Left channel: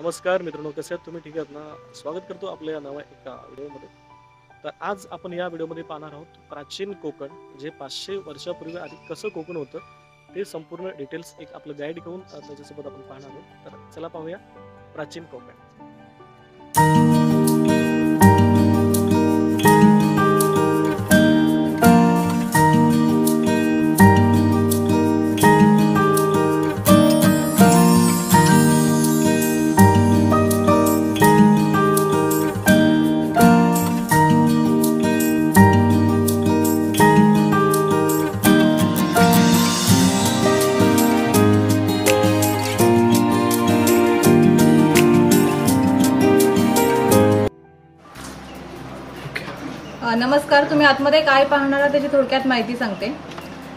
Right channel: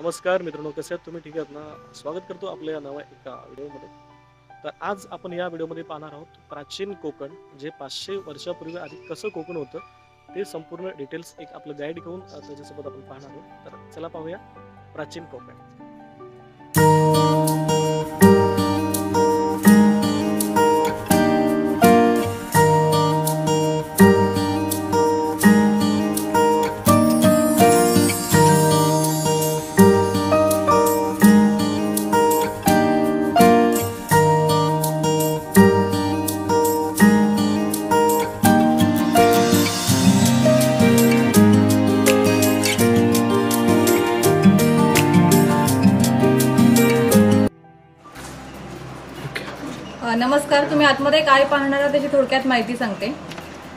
नमस्कार मित्रांनो, कसे आहात तुम्ही? ठीक आहात ना? स्वागत करतो आपल्या या नव्या एका व्हिडिओमध्ये. तर आज आपण या व्हिडिओमध्ये पाहणार आहोत प्राचीन कोकण, जे 500 वर्षापूर्वी आधी कसं कोकण होतं, ते संपूर्ण डिटेल्स एक आपलं गाईड घेऊन त्याच्यासोबत आपण पाहणार आहोत. तर चला पाहूया प्राचीन कोकण. नमस्कार. तुम्ही आतमध्ये काय पाहणार आहात त्याची थोडक्यात माहिती सांगते.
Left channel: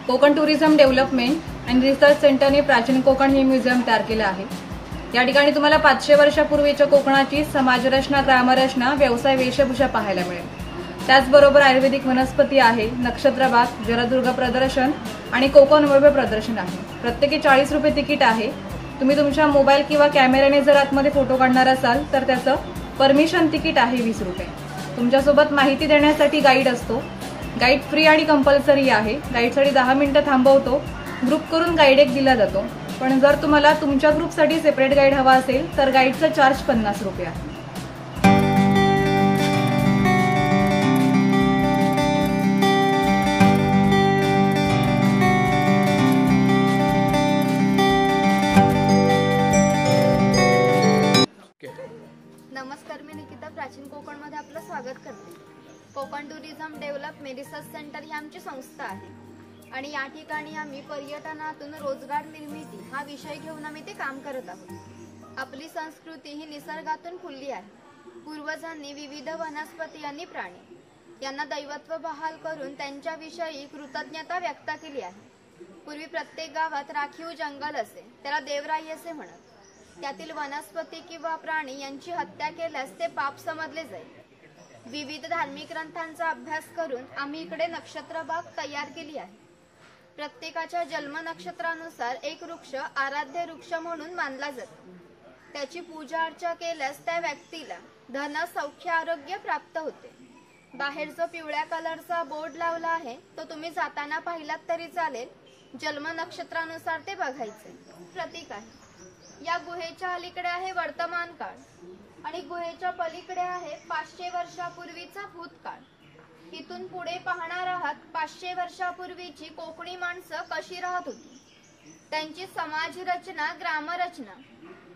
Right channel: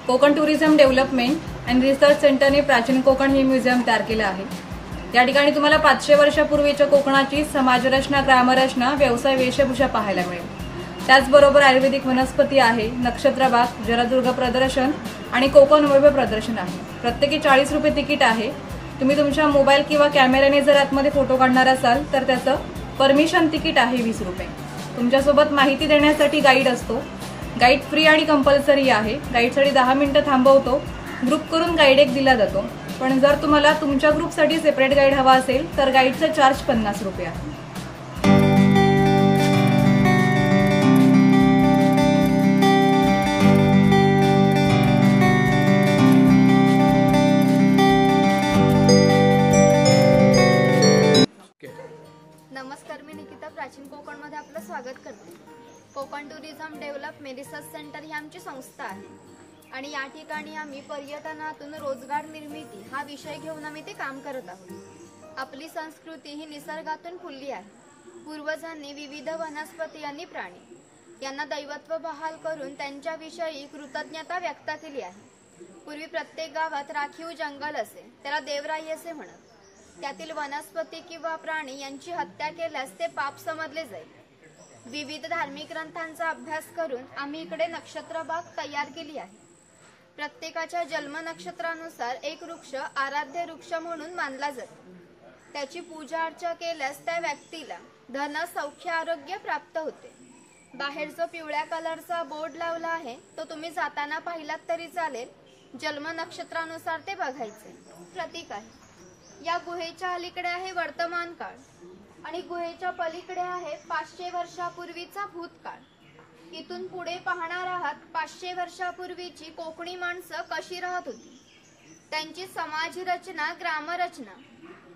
Konkan tourism development and research सेंटरने प्राचीन कोकण हे म्युझियम तयार केलं आहे. या ठिकाणी तुम्हाला 500 वर्षापूर्वीच्या कोकणाची समाजरचना, ग्रामरचना, व्यवसाय, वेशभूषा पाहायला मिळेल. त्याचबरोबर आयुर्वेदिक वनस्पती आहे, नक्षत्रबाग, जलदुर्ग प्रदर्शन आणि कोकण वैभव प्रदर्शन आहे. प्रत्येकी 40 रुपये तिकीट आहे. तुम्ही तुमच्या मोबाईल किंवा कॅमेऱ्याने जर आतमध्ये फोटो काढणार असाल तर त्याचं परमिशन तिकीट आहे 20 रुपये. तुमच्यासोबत माहिती देण्यासाठी गाईड असतो. गाईड फ्री आणि कंपल्सरी आहे. गाईडसाठी 10 मिनिटं थांबवतो. ग्रुप करून गाईड एक दिला जातो. पण जर तुम्हाला तुमच्या ग्रुपसाठी सेपरेट गाईड हवा असेल तर गाईडचा चार्ज 50 रुपये आहे. नमस्कार, मी निकिता प्राचीन कोकणमध्ये आपलं स्वागत करते. Konkan tourism development research centre ही आमची संस्था आहे आणि या ठिकाणी आम्ही पर्यटनातून रोजगार निर्मिती हा विषय घेऊन आम्ही ते काम करत आहोत. आपली संस्कृती ही निसर्गातून फुलली आहे. पूर्वजांनी विविध वनस्पती आणि प्राणी यांना दैवत्व बहाल करून त्यांच्याविषयी कृतज्ञता व्यक्त केली आहे. पूर्वी प्रत्येक गावात राखीव जंगल असे, त्याला देवराई असे म्हणत. त्यातील वनस्पती किंवा प्राणी यांची हत्या केल्यास ते पाप समजले जाईल. विविध धार्मिक ग्रंथांचा अभ्यास करून आम्ही इकडे नक्षत्रबाग तयार केली आहे. प्रत्येकाच्या जन्म नक्षत्रानुसार एक वृक्ष आराध्य वृक्ष म्हणून मानला जातो. त्याची पूजा अर्चा केल्यास त्या व्यक्तीला धन, सौख्य, आरोग्य प्राप्त होते. बाहेर जो पिवळ्या कलरचा बोर्ड लावला आहे तो तुम्ही जाताना पाहिलात तरी चालेल. जन्म नक्षत्रानुसार ते बघायचे प्रतीक आहे. या गुहेच्या अलीकडे आहे वर्तमान काळ आणि गुहेच्या पलीकडे आहे 500 वर्षापूर्वीचा भूतकाळ. इथून पुढे पाहणार आहात 500 वर्षापूर्वीची कोकणी माणसं कशी राहत होती, त्यांची समाज रचना, ग्रामरचना,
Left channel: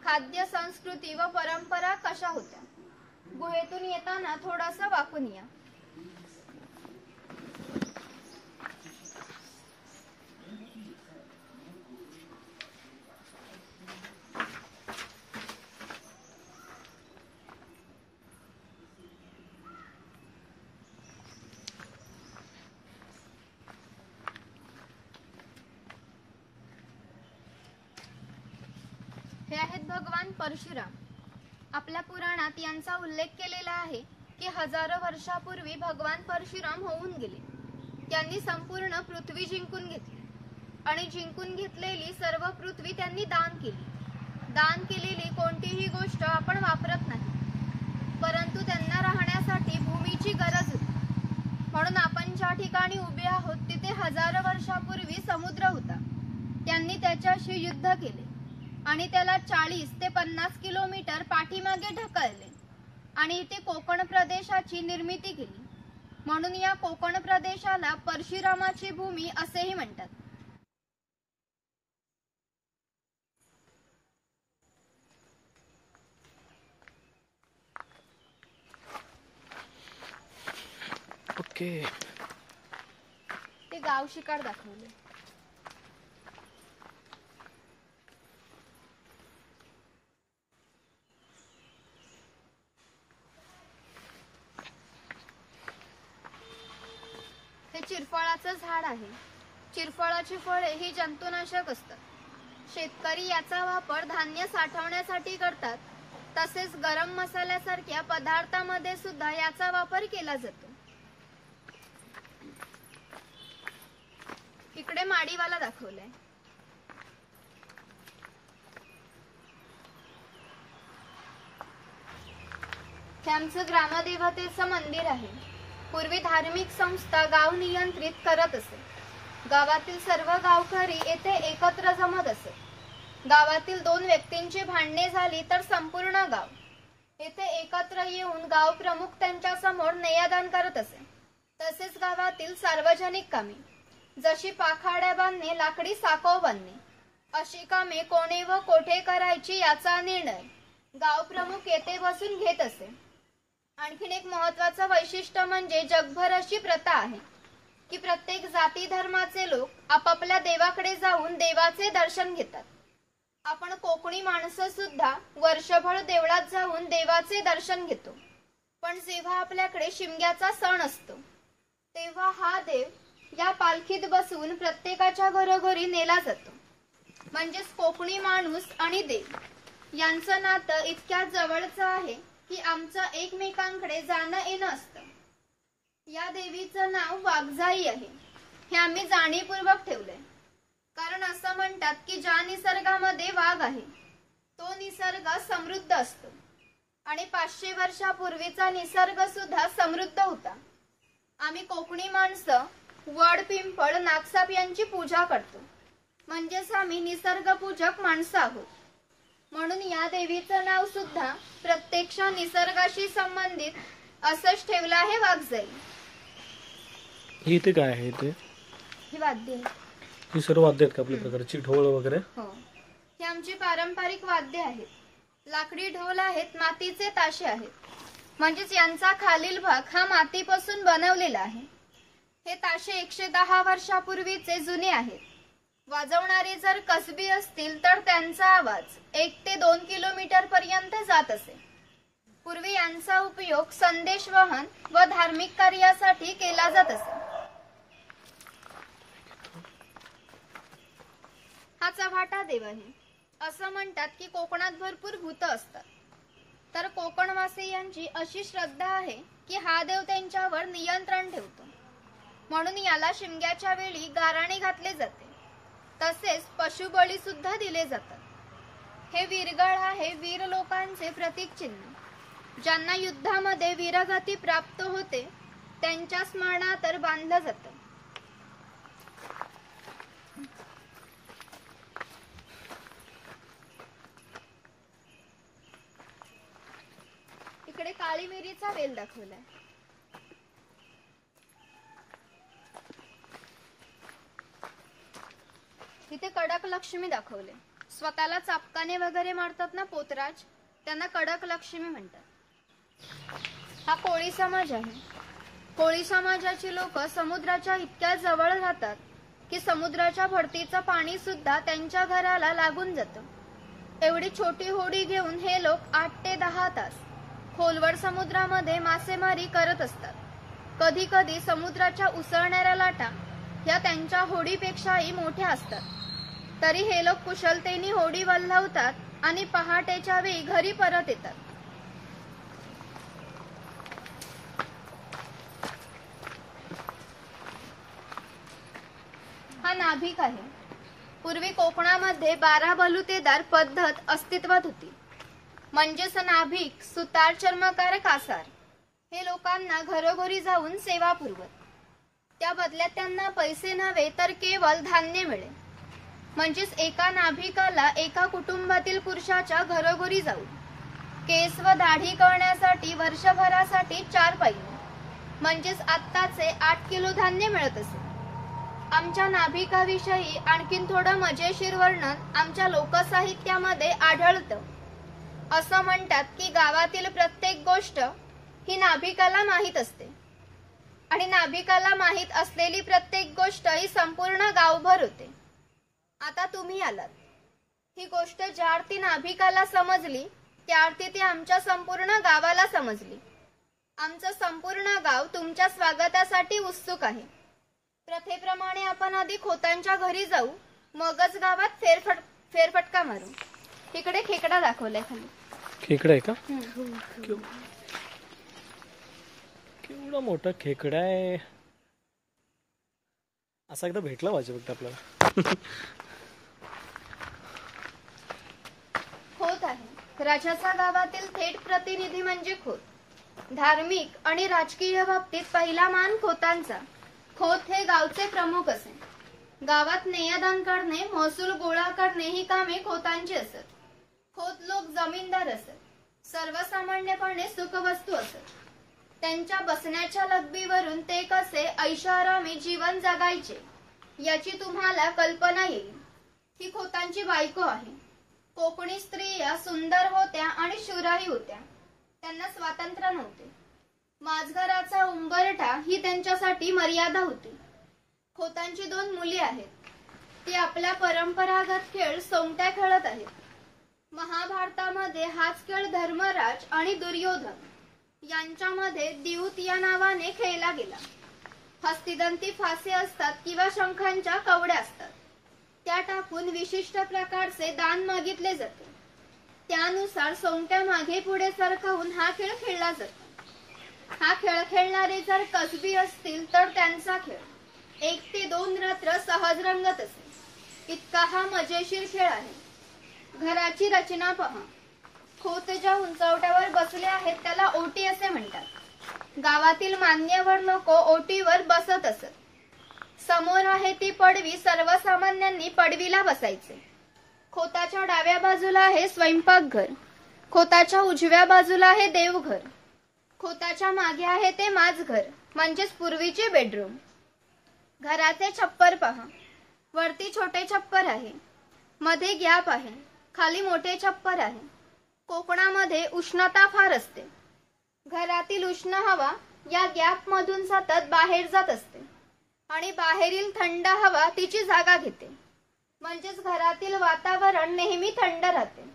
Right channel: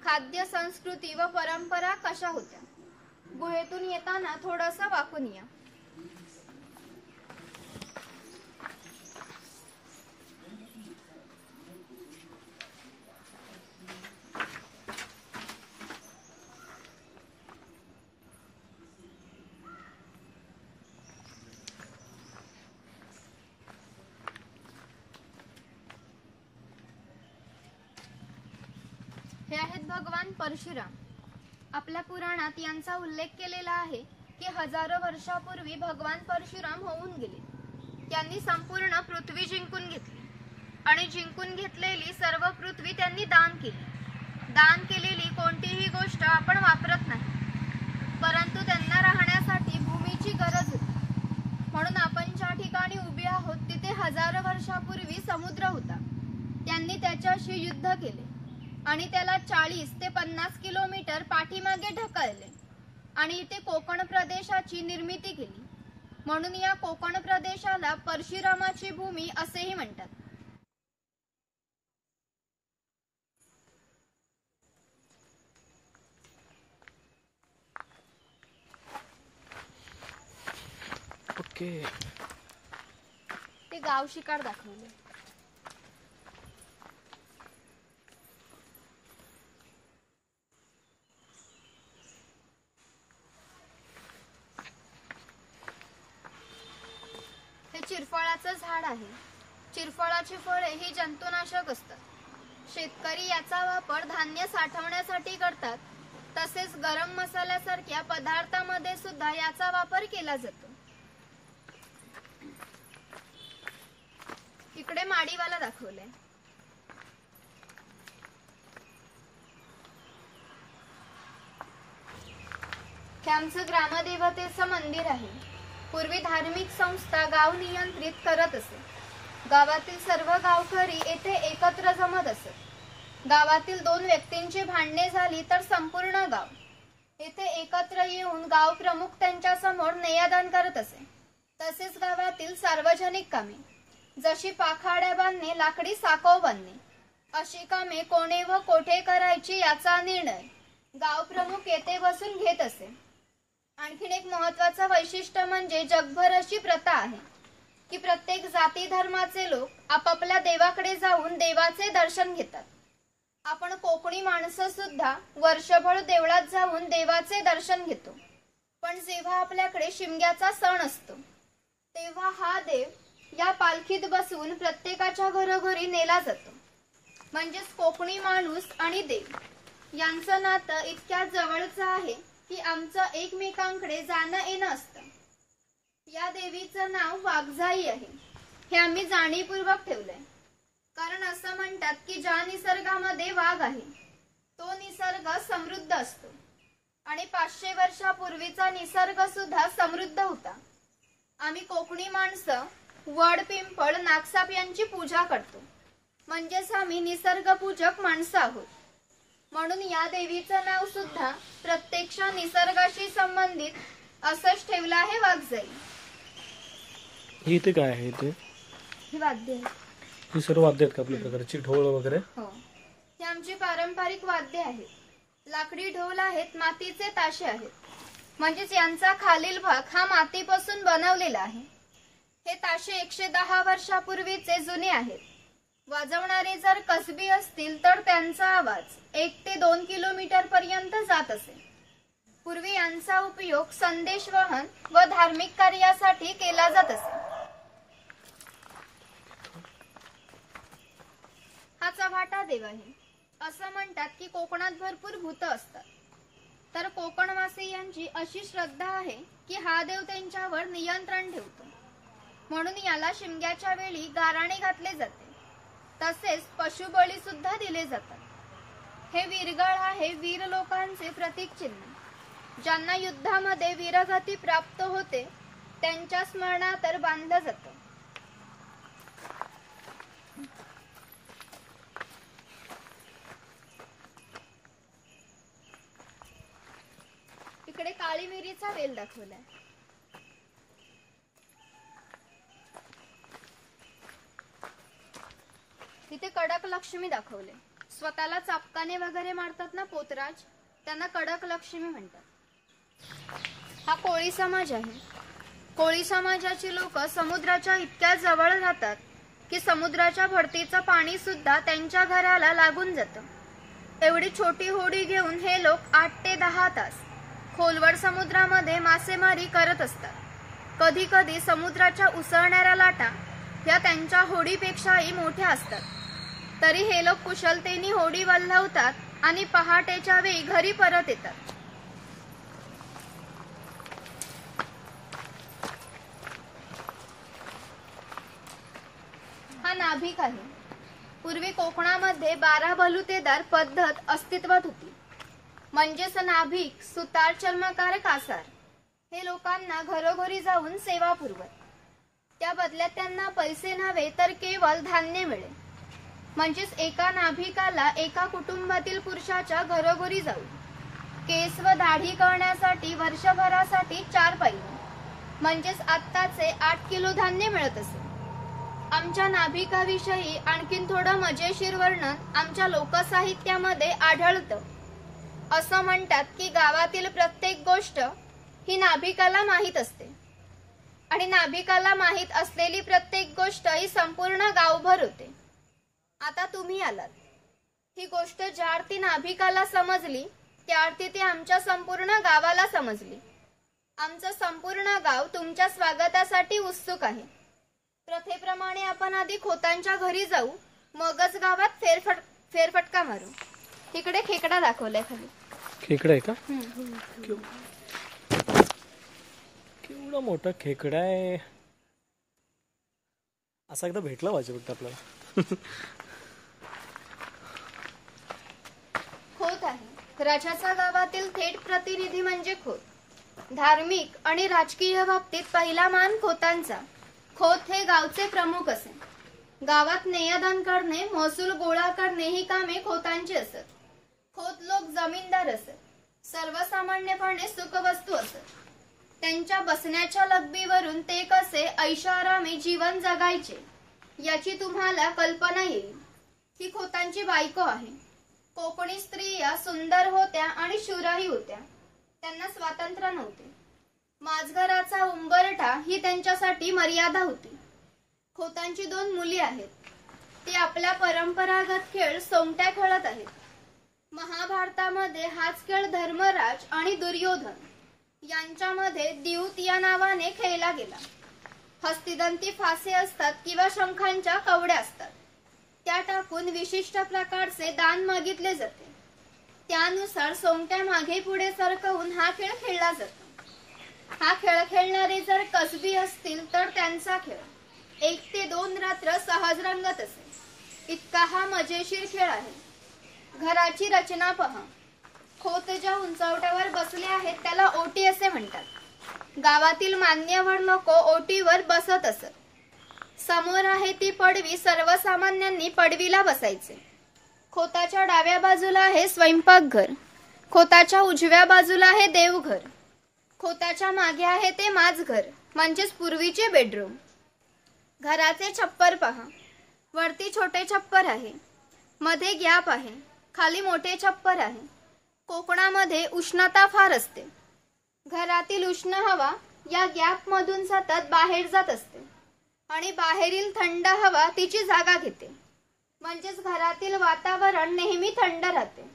खाद्य संस्कृती व परंपरा कशा होत्या. गुहेतून येताना थोडासा वाकून या. हे आहेत भगवान परशुराम. आपल्या पुराणात यांचा उल्लेख केलेला आहे की हजारो वर्षापूर्वी भगवान परशुराम होऊन गेले. त्यांनी संपूर्ण पृथ्वी जिंकून घेतली आणि जिंकून घेतलेली सर्व पृथ्वी त्यांनी दान केली. दान केलेली कोणतीही गोष्ट आपण वापरत नाही, परंतु त्यांना राहण्यासाठी भूमीची गरज होती. म्हणून आपण ज्या ठिकाणी उभे आहोत तिथे हजारो वर्षापूर्वी समुद्र होता. त्यांनी त्याच्याशी युद्ध केले आणि त्याला 40 ते 50 किलोमीटर पाठीमागे ढकलले आणि इथे कोकण प्रदेशाची निर्मिती केली. म्हणून या कोकण प्रदेशाला परशुरामाची भूमी असेही म्हणतात. ओके. ते गाव शिकार दाखवले. चिरफळाचं झाड आहे. चिरफळाची फळे ही जंतुनाशक असतात. शेतकरी याचा वापर धान्य साठवण्यासाठी करतात. तसेच गरम मसाल्यासारख्या पदार्थांमध्ये सुद्धा याचा वापर केला जातो. इकडे माडीवाला दाखवलाय. हे आमचं ग्रामदेवतेचं मंदिर आहे. पूर्वी धार्मिक संस्था गाव नियंत्रित करत असे. गावातील सर्व गावकरी येथे एकत्र जमत असत. गावातील 2 व्यक्तींची भांडणे झाली तर संपूर्ण गाव येथे एकत्र येऊन गाव प्रमुख त्यांच्या समोर न्यायदान करत असे. तसेच गावातील सार्वजनिक कामे जशी पाखाड्या बांधणे, लाकडी साकव बांधणे अशी कामे कोणे व कोठे करायची याचा निर्णय गाव प्रमुख येथे बसून घेत असे. आणखीन एक महत्वाचं वैशिष्ट्य म्हणजे जगभर अशी प्रथा आहे की प्रत्येक जाती धर्माचे लोक आपापल्या देवाकडे जाऊन देवाचे दर्शन घेतात. आपण कोकणी माणसं सुद्धा वर्षभर देवळात जाऊन देवाचे दर्शन घेतो. पण जेव्हा आपल्याकडे शिमग्याचा सण असतो तेव्हा हा देव या पालखीत बसून प्रत्येकाच्या घरोघरी नेला जातो. म्हणजेच कोकणी माणूस आणि देव यांचं नातं इतक्या जवळचं आहे की आमचं एकमेकांकडे जाणं येणं असतं. या देवीचं नाव वाघजाई आहे. हे आम्ही जाणीवपूर्वक ठेवलंय, कारण असं म्हणतात की ज्या निसर्गामध्ये वाघ आहे तो निसर्ग समृद्ध असतो आणि 500 वर्षापूर्वीचा निसर्ग सुद्धा समृद्ध होता. आम्ही कोकणी माणसं वड, पिंपळ, नागसाप यांची पूजा करतो. म्हणजेच आम्ही निसर्गपूजक माणसं आहोत. म्हणून या देवीचं नाव सुद्धा प्रत्यक्ष निसर्गाशी संबंधित असंच ठेवलं आहे, वाघजाई. इथे काय आहे? इथे ही वाद्य आहे. ही सर्व वाद्य आहेत का आपल्या प्रकारची? ढोल वगैरे? हो, ही आमची पारंपरिक वाद्य आहेत. लाकडी ढोल आहेत, मातीचे ताशे आहेत. म्हणजेच यांचा खालील भाग हा मातीपासून बनवलेला आहे. हे ताशे 110 वर्षापूर्वीचे जुने आहेत. वाजवणारे जर कसबी असतील तर त्यांचा आवाज 1 ते 2 किलोमीटर पर्यंत जात असे. पूर्वी यांचा उपयोग संदेशवहन व धार्मिक कार्यासाठी केला जात असे. हा चव्हाटा देव आहे. असं म्हणतात की कोकणात भरपूर भूत असतात. तर कोकणवासियांची अशी श्रद्धा आहे की हा देव त्यांच्यावर नियंत्रण ठेवतो. म्हणून याला शिमग्याच्या वेळी गाराणे घातले जाते. तसेच पशुबळी सुद्धा दिले जातात. हे वीरगळ आहे वीर लोकांचे प्रतीक चिन्ह. ज्यांना युद्धामध्ये वीरगती प्राप्त होते त्यांच्या स्मरणार्थ बांधलं जातं. इकडे काळी मिरीचा वेल दाखवलाय. तिथे कडक लक्ष्मी दाखवले. स्वतःला चापकाने वगैरे मारतात ना पोतराज, त्यांना कडक लक्ष्मी म्हणतात. हा कोळी समाज आहे. कोळी समाजाची लोक समुद्राच्या इतक्या जवळ राहतात की समुद्राच्या भरतीचं पाणी सुद्धा त्यांच्या घराला लागून जातं. एवढी छोटी होडी घेऊन हे लोक 8 ते 10 तास खोलवर समुद्रामध्ये मासेमारी करत असतात. कधी कधी समुद्राच्या उसळणाऱ्या लाटा ह्या त्यांच्या होडीपेक्षाही मोठ्या असतात. तरी हे लोक कुशलतेने होडी वल्हवतात आणि पहाटेच्या वेळी घरी परत येतात. हा नाभिक आहे. पूर्वी कोकणामध्ये 12 बलुतेदार पद्धत अस्तित्वात होती. म्हणजेच नाभिक, सुतार, चर्मकार, कासार हे लोकांना घरोघरी जाऊन सेवा पुरवत. त्या बदल्यात त्यांना पैसे नव्हे तर केवळ धान्य मिळे. म्हणजेच एका नाभिकाला एका कुटुंबातील पुरुषाच्या घरोघरी जाऊ केस व दाढी करण्यासाठी वर्षभरासाठी 4 पैसे म्हणजेच आत्ताचे 8 किलो धान्य मिळत असे. आमच्या नाभिकाविषयी आणखीन थोडं मजेशीर वर्णन आमच्या लोकसाहित्यामध्ये आढळतं. असं म्हणतात की गावातील प्रत्येक गोष्ट ही नाभिकाला माहीत असते आणि नाभिकाला माहीत असलेली प्रत्येक गोष्ट ही संपूर्ण गावभर होते. आता तुम्ही आलात. ही गोष्ट ज्या अर्थी नाभिकाला समजली त्या अर्थी ती आमच्या संपूर्ण गावाला समजली. आमचं संपूर्ण गाव तुमच्या स्वागतासाठी उत्सुक आहे. प्रथेप्रमाणे आपण आधी खोतांच्या घरी जाऊ, मगच गावात फेरफटका मारू. इकडे खेकडा दाखवलाय खाली. खेकडा आहे का? केवढा मोठा खेकडा आहे. असा एकदा भेटला पाहिजे फक्त आपल्याला. खोत आहे. राजाचा गावातील थेट प्रतिनिधी म्हणजे खोत. धार्मिक आणि राजकीय बाबतीत पहिला मान खोतांचा. खोत हे गावचे प्रमुख असे. गावात नेयदान करणे, महसूल गोळा करणे ही कामे खोतांची असत. खोत लोक जमीनदार असत. सर्वसामान्यपणे सुखवस्तू असत. त्यांच्या बसण्याच्या लग्बीवरून ते कसे ऐशारामी जीवन जगायचे याची तुम्हाला कल्पना येईल. ही खोतांची बायको आहे. कोकणी स्त्रिया सुंदर होत्या आणि शूरही होत्या. त्यांना स्वातंत्र्य नव्हते. माझघराचा उंबरठा ही त्यांच्यासाठी मर्यादा होती. खोतांची 2 मुली आहेत. ती आपला परंपरागत खेळ सोंगट्या खेळत आहेत. महाभारतामध्ये हाच खेळ धर्मराज आणि दुर्योधन यांच्यामध्ये द्यूत या नावाने खेळला गेला. हस्तिदंती फासे असतात किंवा शंखांच्या कवड्या असतात. त्या टाकून विशिष्ट प्रकारचे दान मागितले जाते. त्यानुसार सोंगट्या मागे पुढे सरकवून हा खेळ खेळला जातो. हा खेळ खेळणारे जर कसबी असतील तर त्यांचा खेळ 1 ते 2 रात्र सहज रंगत असे. इतका हा मजेशीर खेळ आहे. घराची रचना पहा. खोत ज्या उंचवट्यावर बसले आहेत त्याला ओटी असे म्हणतात. गावातील मान्यवर लोक ओटीवर बसत असत. समोर आहे ती पडवी. सर्वसामान्यांनी पडवीला बसायचे. खोताच्या डाव्या बाजूला आहे स्वयंपाकघर. खोताच्या उजव्या बाजूला आहे देवघर. खोताच्या मागे आहे ते माझघर म्हणजेच पूर्वीचे बेडरूम. घराचे छप्पर पहा. वरती छोटे छप्पर आहे. मध्ये गॅप आहे. खाली मोठे छप्पर आहे. कोकणामध्ये उष्णता फार असते. घरातील उष्ण हवा या गॅप मधून सतत बाहेर जात असते आणि बाहेरील थंड हवा तिची जागा घेते. म्हणजेच घरातील वातावरण नेहमी थंड राहते.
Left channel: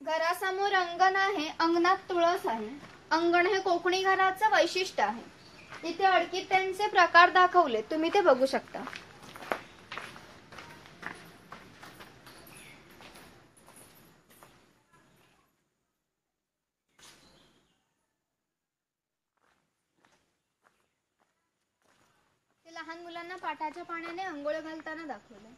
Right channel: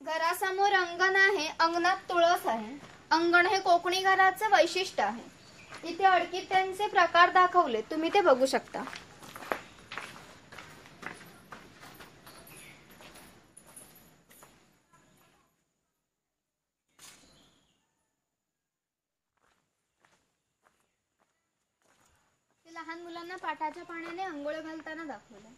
घरासमोर अंगण आहे. अंगणात तुळस आहे. अंगण हे कोकणी घराचं वैशिष्ट्य आहे. इथे अडकित्यांचे प्रकार दाखवले, तुम्ही ते बघू शकता. लहान मुलांना पाटाच्या पाण्याने अंघोळ घालताना दाखवले.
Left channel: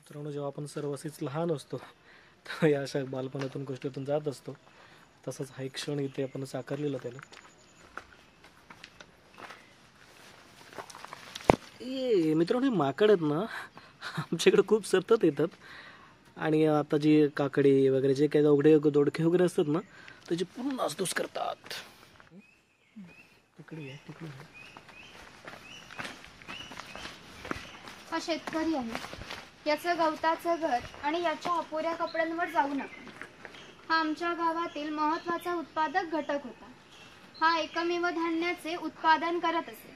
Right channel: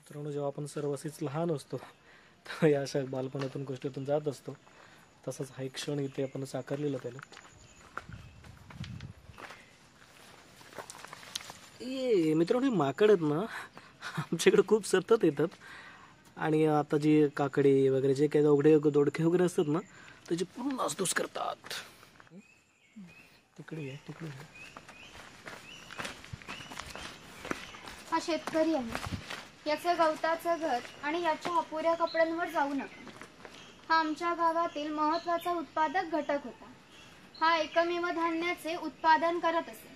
मित्रांनो, जेव्हा आपण सर्वसीच लहान असतो तर या अशा बालपणातून गोष्टीतून जात असतो. तसंच हा एक क्षण इथे आपण साकारलेला त्याला. ये मित्रांनो, हे माकड आहेत ना, आमच्याकडे खूप सतत येतात. आणि आता जी काकडी वगैरे जे काही उघडे दोडके वगैरे असतात ना, त्याची पूर्ण नासधूस करतात. तिकडे तिकडे हा शेतकरी आहे. याचं गवताचं घर आणि याच्या अपुऱ्या कपड्यांवर जाऊ नका. हा आमच्या गावातील महत्वाचा उत्पादक घटक होता. हा एकमेव धान्याचे उत्पादन करत असे.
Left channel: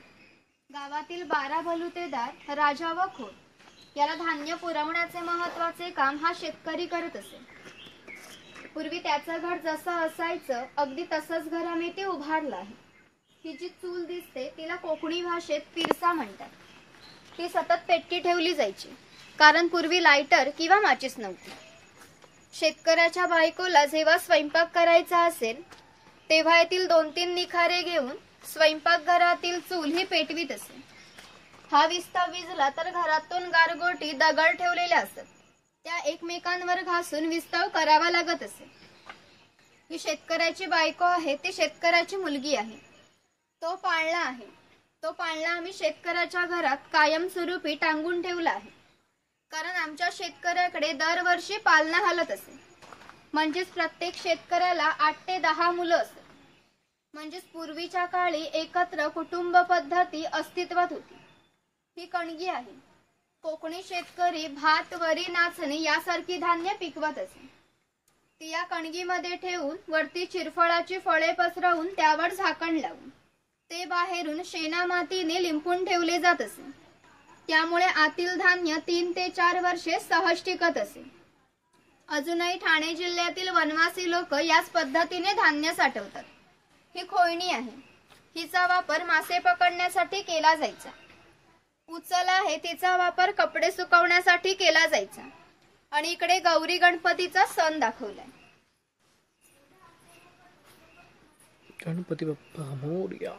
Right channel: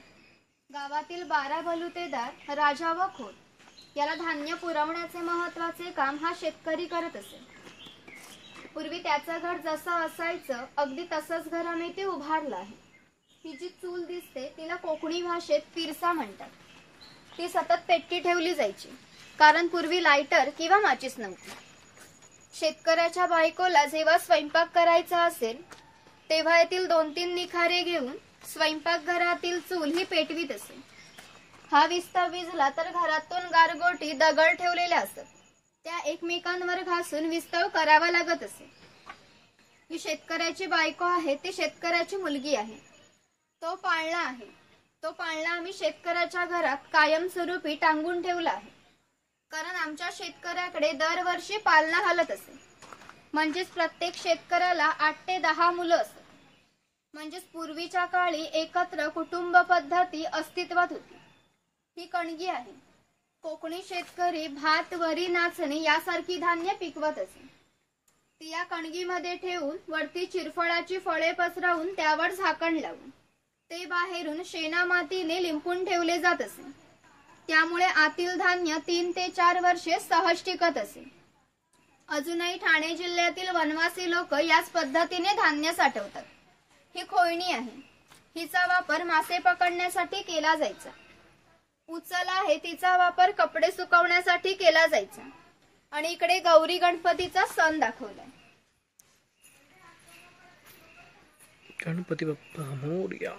गावातील 12 बलुतेदार, राजा व खोत याला धान्य पुरवण्याचे महत्वाचे काम हा शेतकरी करत असे. पूर्वी त्याचं घर जसं असायचं अगदी तसंच घर आम्ही ते उभारलं आहे. ही जी चूल दिसते तिला कोकणी भाषेत पिरसा म्हणतात. ती सतत पेटती ठेवली जायची, कारण पूर्वी लायटर किंवा माचीस नव्हती. शेतकऱ्याच्या बायकोला जेव्हा स्वयंपाक करायचा असेल तेव्हा येथील 2-3 निखारे घेऊन स्वयंपाकघरातील चूल ही पेटवीत असे. हा विस्ता विजला तर घरातून गारगोटी दगड ठेवलेल्या असत. त्या एकमेकांवर घासून विस्तव करावा लागत असे. ही शेतकऱ्याची बायको आहे, ती शेतकऱ्याची मुलगी आहे. तो पाळणा आहे. तो पाळणा आम्ही शेतकऱ्याच्या घरात कायमस्वरूपी टांगून ठेवला आहे, कारण आमच्या शेतकऱ्याकडे दरवर्षी पालना हलत असे. म्हणजेच प्रत्येक शेतकऱ्याला 8 ते 10 मुलं असत. म्हणजेच पूर्वीच्या काळी एकत्र कुटुंब पद्धती अस्तित्वात होती. ही कणगी आहे. कोकणी शेतकरी भात, वरी, नाचणी यासारखी धान्य पिकवत असे. ती या कणगीमध्ये ठेवून वरती चिरफळाची फळे पसरवून त्यावर झाकण लावून ते बाहेरून शेणा मातीने लिंपून ठेवले जात असे. त्यामुळे आतील धान्य 3 ते 4 वर्षे सहज टिकत असे. अजूनही ठाणे जिल्ह्यातील वनवासी लोक याच पद्धतीने धान्य साठवतात. ही खोयणी आहे. हिचा वापर मासे पकडण्यासाठी केला जायचा. उचल आहे, तिचा वापर कपडे सुकवण्यासाठी केला जायचा. आणि इकडे गौरी गणपतीचा सण दाखवलाय. गणपती बाप्पा मोरया.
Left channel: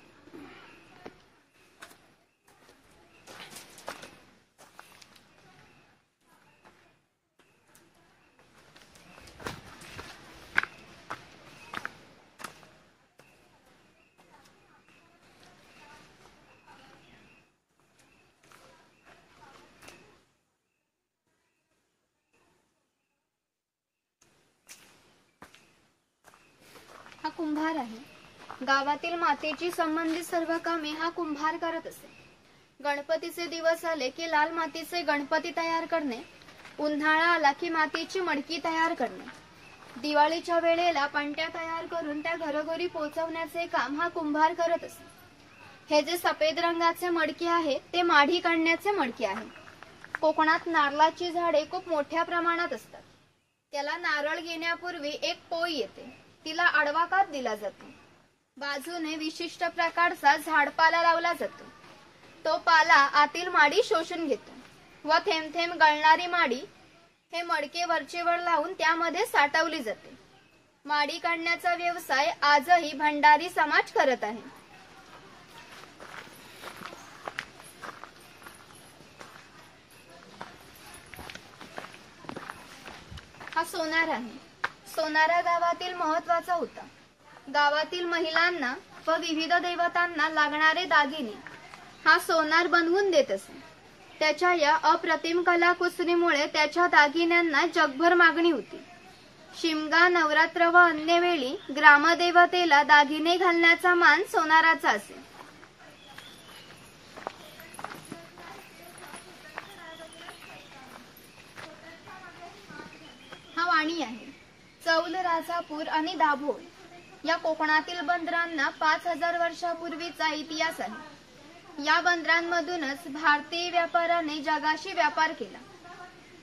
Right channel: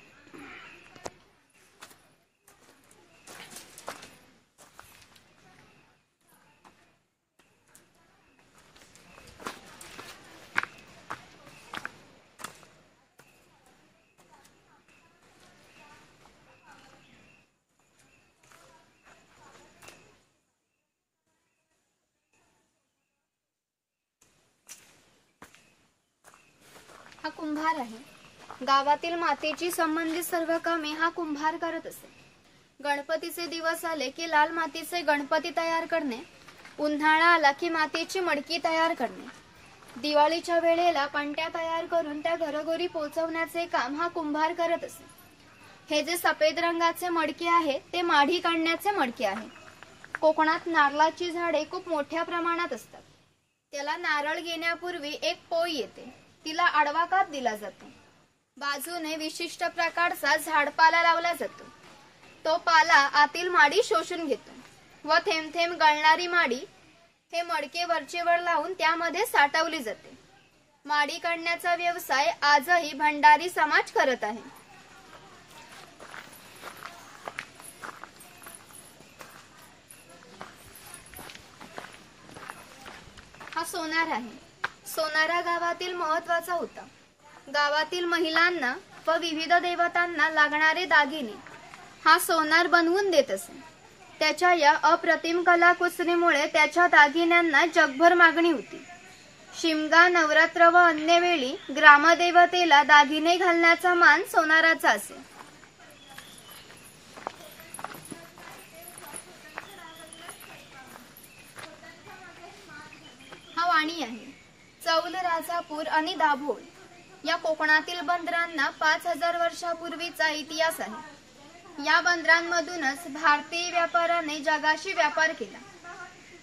हा कुंभार आहे. गावातील मातीची संबंधित सर्व कामे हा कुंभार करत असे. गणपतीचे दिवस आले की लाल मातीचे गणपती तयार करणे, उन्हाळा आला की मातीची मडकी तयार करणे, दिवाळीच्या वेळेला पणत्या तयार करून त्या घरोघरी पोहोचवण्याचे काम हा कुंभार करत असे. हे जे सफेद रंगाचे मडके आहे ते माढी काढण्याचे मडके आहे. कोकणात नारळाची झाडे खूप मोठ्या प्रमाणात असतात. त्याला नारळ घेण्यापूर्वी एक पोळी येते, तिला आडवा काप दिला जातो. बाजूने विशिष्ट प्रकारचा झाडपाला लावला जातो. तो पाला आतील माडी शोषून घेतो व थेंब थेंब गळणारी माडी हे मडके वरचेवर लावून त्यामध्ये साठवली जाते. माडी काढण्याचा व्यवसाय आजही भंडारी समाज करत आहे. हा सोनार आहे. सोनारा गावातील महत्वाचा होता. गावातील महिलांना व विविध देवतांना लागणारे दागिने हा सोनार बनवून देत असे. त्याच्या या अप्रतिम कलाकुसरीमुळे त्याच्या दागिन्यांना जगभर मागणी होती. शिमगा, नवरात्र व अन्य वेळी ग्रामदेवतेला दागिने घालण्याचा मान सोनाराचा असे. हा वाणी आहे. चौल, राजापूर आणि दाभोळ या कोकणातील बंदरांना 5000 वर्षापूर्वीचा इतिहास आहे. या बंदरांमधूनच भारतीय व्यापाऱ्याने जगाशी व्यापार केला.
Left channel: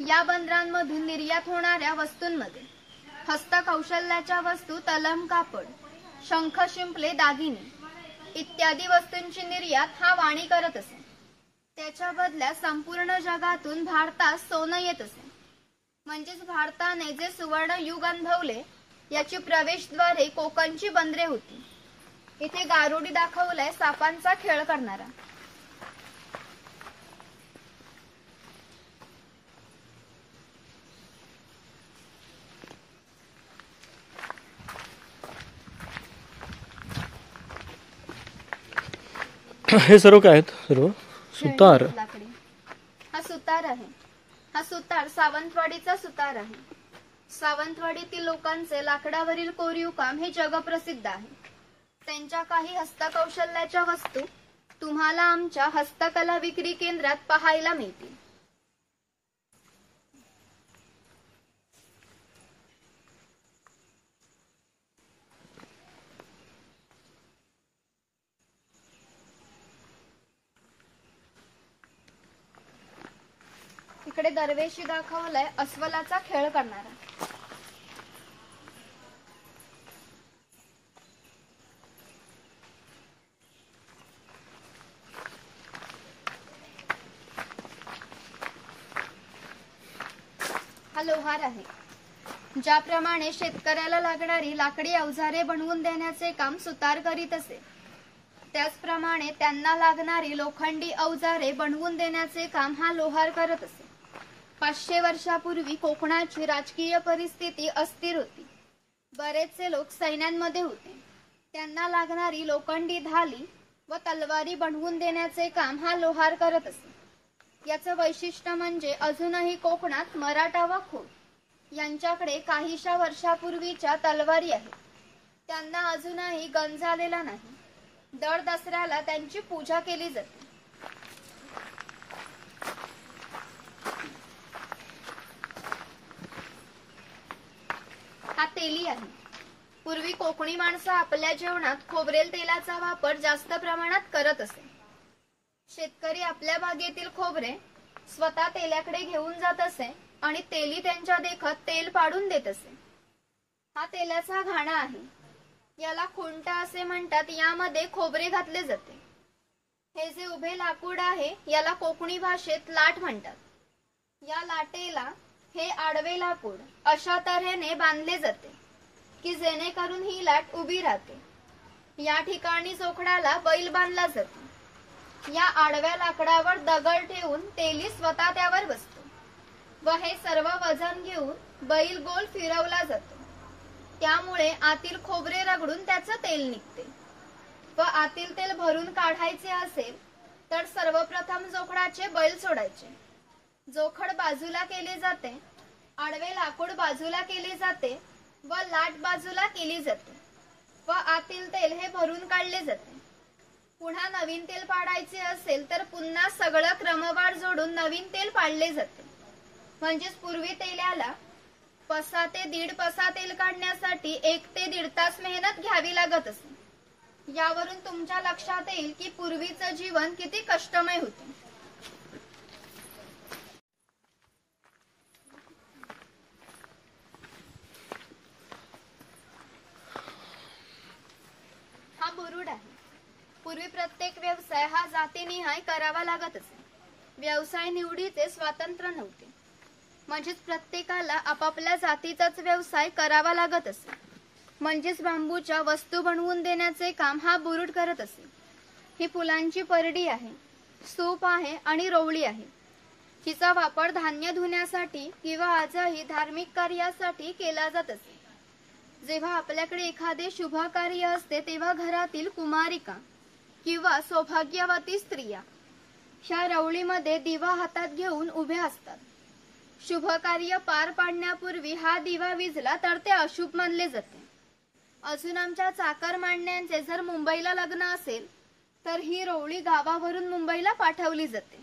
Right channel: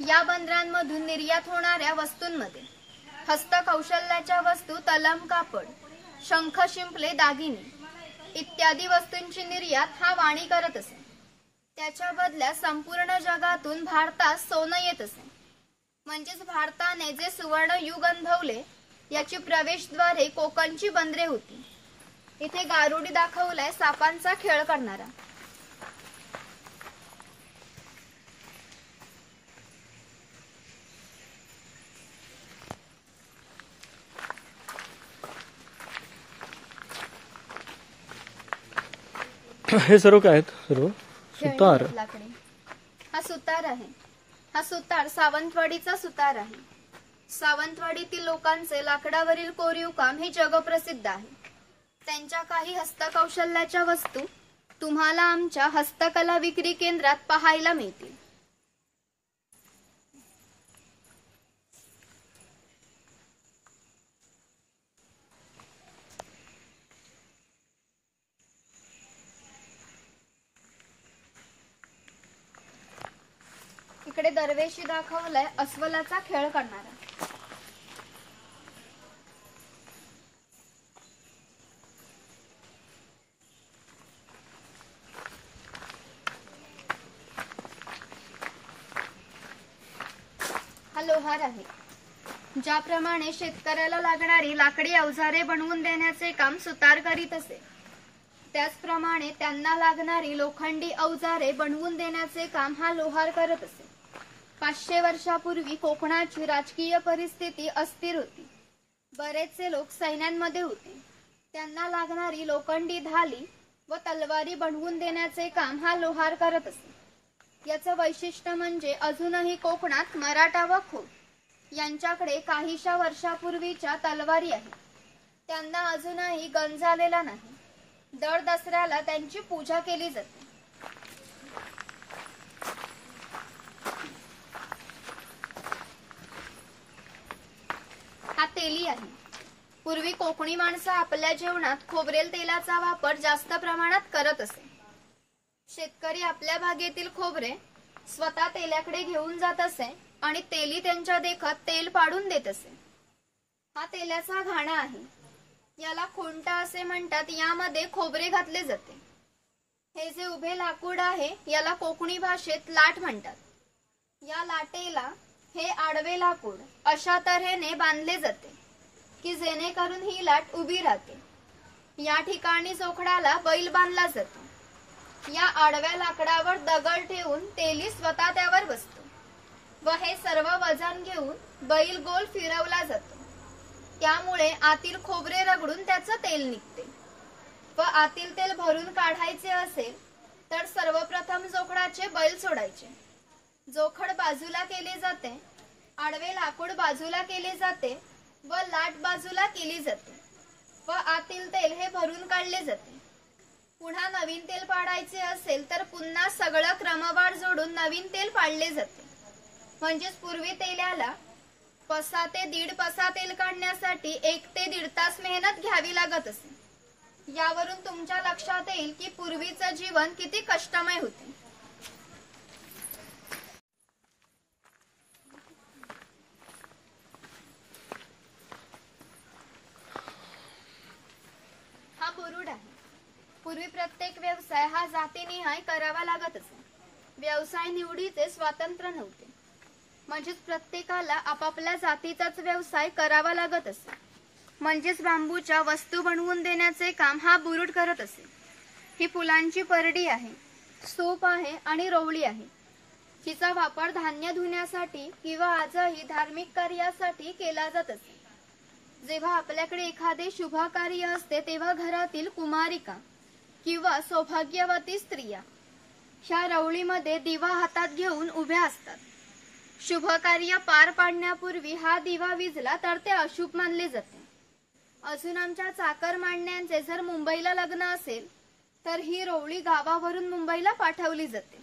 या बंदरांमधून निर्यात होणाऱ्या वस्तूंमध्ये हस्तकौशल्याच्या वस्तू, तलम, कापड, शंख, शिंपले, दागिने इत्यादी वस्तूंची निर्यात हा वाणी करत असे. त्याच्या बदल्यात संपूर्ण जगातून भारतात सोनं येत असे. म्हणजेच भारताने जे सुवर्ण युग अनुभवले याची प्रवेशद्वारे कोकणची बंदरे होती. इथे गारुडी दाखवलाय सापांचा खेळ करणारा. हे सर्व काय आहेत? सर्व सुतार. लाकडी. हा सुतार आहे. हा सुतार सावंतवाडीचा सुतार आहे. सावंतवाडीतील लोकांचे लाकडावरील कोरीव काम हे जगप्रसिद्ध आहे. त्यांच्या काही हस्तकौशल्याच्या वस्तू तुम्हाला आमच्या हस्तकला विक्री केंद्रात पाहायला मिळतील. इकडे दरवेशी दाखवलाय अस्वलाचा खेळ करणारा. हा लोहार आहे. ज्याप्रमाणे शेतकऱ्याला लागणारी लाकडी अवजारे बनवून देण्याचे काम सुतार करीत असे, त्याचप्रमाणे त्यांना लागणारी लोखंडी अवजारे बनवून देण्याचे काम हा लोहार करत असे. 500 वर्षापूर्वी कोकणाची राजकीय परिस्थिती अस्थिर होती. बरेचसे लोक सैन्यांमध्ये होते. त्यांना लागणारी लोखंडी ढाली व तलवारी बनवून देण्याचे काम हा लोहार करत असे. याचं वैशिष्ट्य म्हणजे अजूनही कोकणात मराठा व खोत यांच्याकडे काहीशा वर्षापूर्वीच्या तलवारी आहेत. त्यांना अजूनही गंज आलेला नाही. दर दसऱ्याला त्यांची पूजा केली जाते. हा तेली आहे. पूर्वी कोकणी माणसं आपल्या जेवणात खोबरेल तेलाचा वापर जास्त प्रमाणात करत असे. शेतकरी आपल्या बागेतील खोबरे स्वतः तेल्याकडे घेऊन जात असे आणि तेली त्यांच्या देखत तेल पाडून देत असे. हा तेलाचा घाणा आहे. याला खुंटा असे म्हणतात. यामध्ये खोबरे घातले जाते. हे जे उभे लाकूड आहे याला कोकणी भाषेत लाट म्हणतात. या लाटेला हे आडवे लाकूड अशा तऱ्हेने बांधले जाते की जेणेकरून ही लाट उभी राहते. या ठिकाणी जोखडाला बैल बांधला जातो. या आडव्या लाकडावर दगड ठेवून तेली स्वतः त्यावर बसतो व हे सर्व वजन घेऊन बैल गोल फिरवला जातो. त्यामुळे आतील खोबरे रगडून त्याचं तेल निघते व आतील तेल भरून काढायचे असेल तर सर्वप्रथम जोखडाचे बैल सोडायचे. जोखड बाजूला केले जाते, आडवे लाकूड बाजूला केले जाते व लाट बाजूला केली जाते. व आतील तेल हे भरून काढले जाते. पुन्हा नवीन तेल पाडायचे असेल तर पुन्हा सगळं क्रमवार जोडून नवीन तेल पाडले जाते. म्हणजेच पूर्वी तेलाला पसा ते 1.5 पसा तेल काढण्यासाठी 1 ते 1.5 तास मेहनत घ्यावी लागत असे. यावरून तुमच्या लक्षात येईल की पूर्वीचं जीवन किती कष्टमय होते. हा बुरुड आहे. पूर्वी प्रत्येक व्यवसाय हा जातीनिहाय करावा लागत असे. व्यवसाय निवडीचे स्वातंत्र्य नव्हते. म्हणजेच प्रत्येकाला आपापल्या जातीचाच व्यवसाय करावा लागत असे. म्हणजेच बांबूच्या वस्तू बनवून देण्याचे काम हा बुरुड करत असे. ही फुलांची परडी आहे, सूप आहे आणि रोवळी आहे. हिचा वापर धान्य धुण्यासाठी किंवा आजही धार्मिक कार्यासाठी केला जात असे. जेव्हा आपल्याकडे एखादे शुभ कार्य असते तेव्हा घरातील कुमारिका किंवा सौभाग्यवती स्त्रिया ह्या रवळीमध्ये दिवा हातात घेऊन उभ्या असतात. शुभ कार्य पार पाडण्यापूर्वी हा दिवा विझला तर ते अशुभ मानले जाते. अजून आमच्या चाकरमान्यांचे जर मुंबईला लग्न असेल तर ही रोवळी गावावरून मुंबईला पाठवली जाते.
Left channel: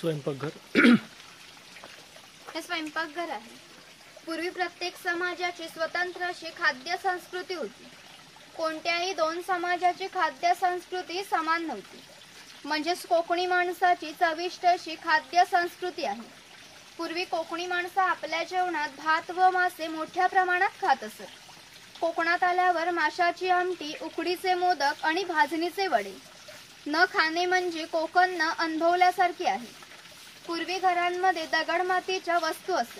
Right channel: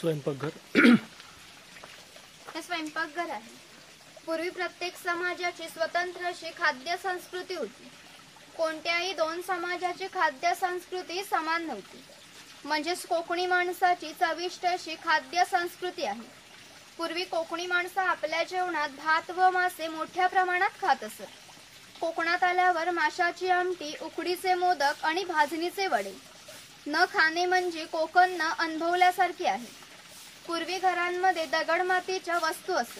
स्वयंपाकघर हे स्वयंपाकघर आहे. पूर्वी प्रत्येक समाजाची स्वतंत्र अशी खाद्य संस्कृती होती. कोणत्याही 2 समाजाची खाद्य संस्कृती समान नव्हती. म्हणजेच कोकणी माणसाची चविष्ट अशी खाद्य संस्कृती आहे. पूर्वी कोकणी माणसं आपल्या जेवणात भात व मासे मोठ्या प्रमाणात खात असत. कोकणात आल्यावर माशाची आमटी, उकडीचे मोदक आणि भाजणीचे वडे न खाणे म्हणजे कोकण न अनुभवल्यासारखे आहे. पूर्वी घरांमध्ये दगड मातीच्या वस्तू असत.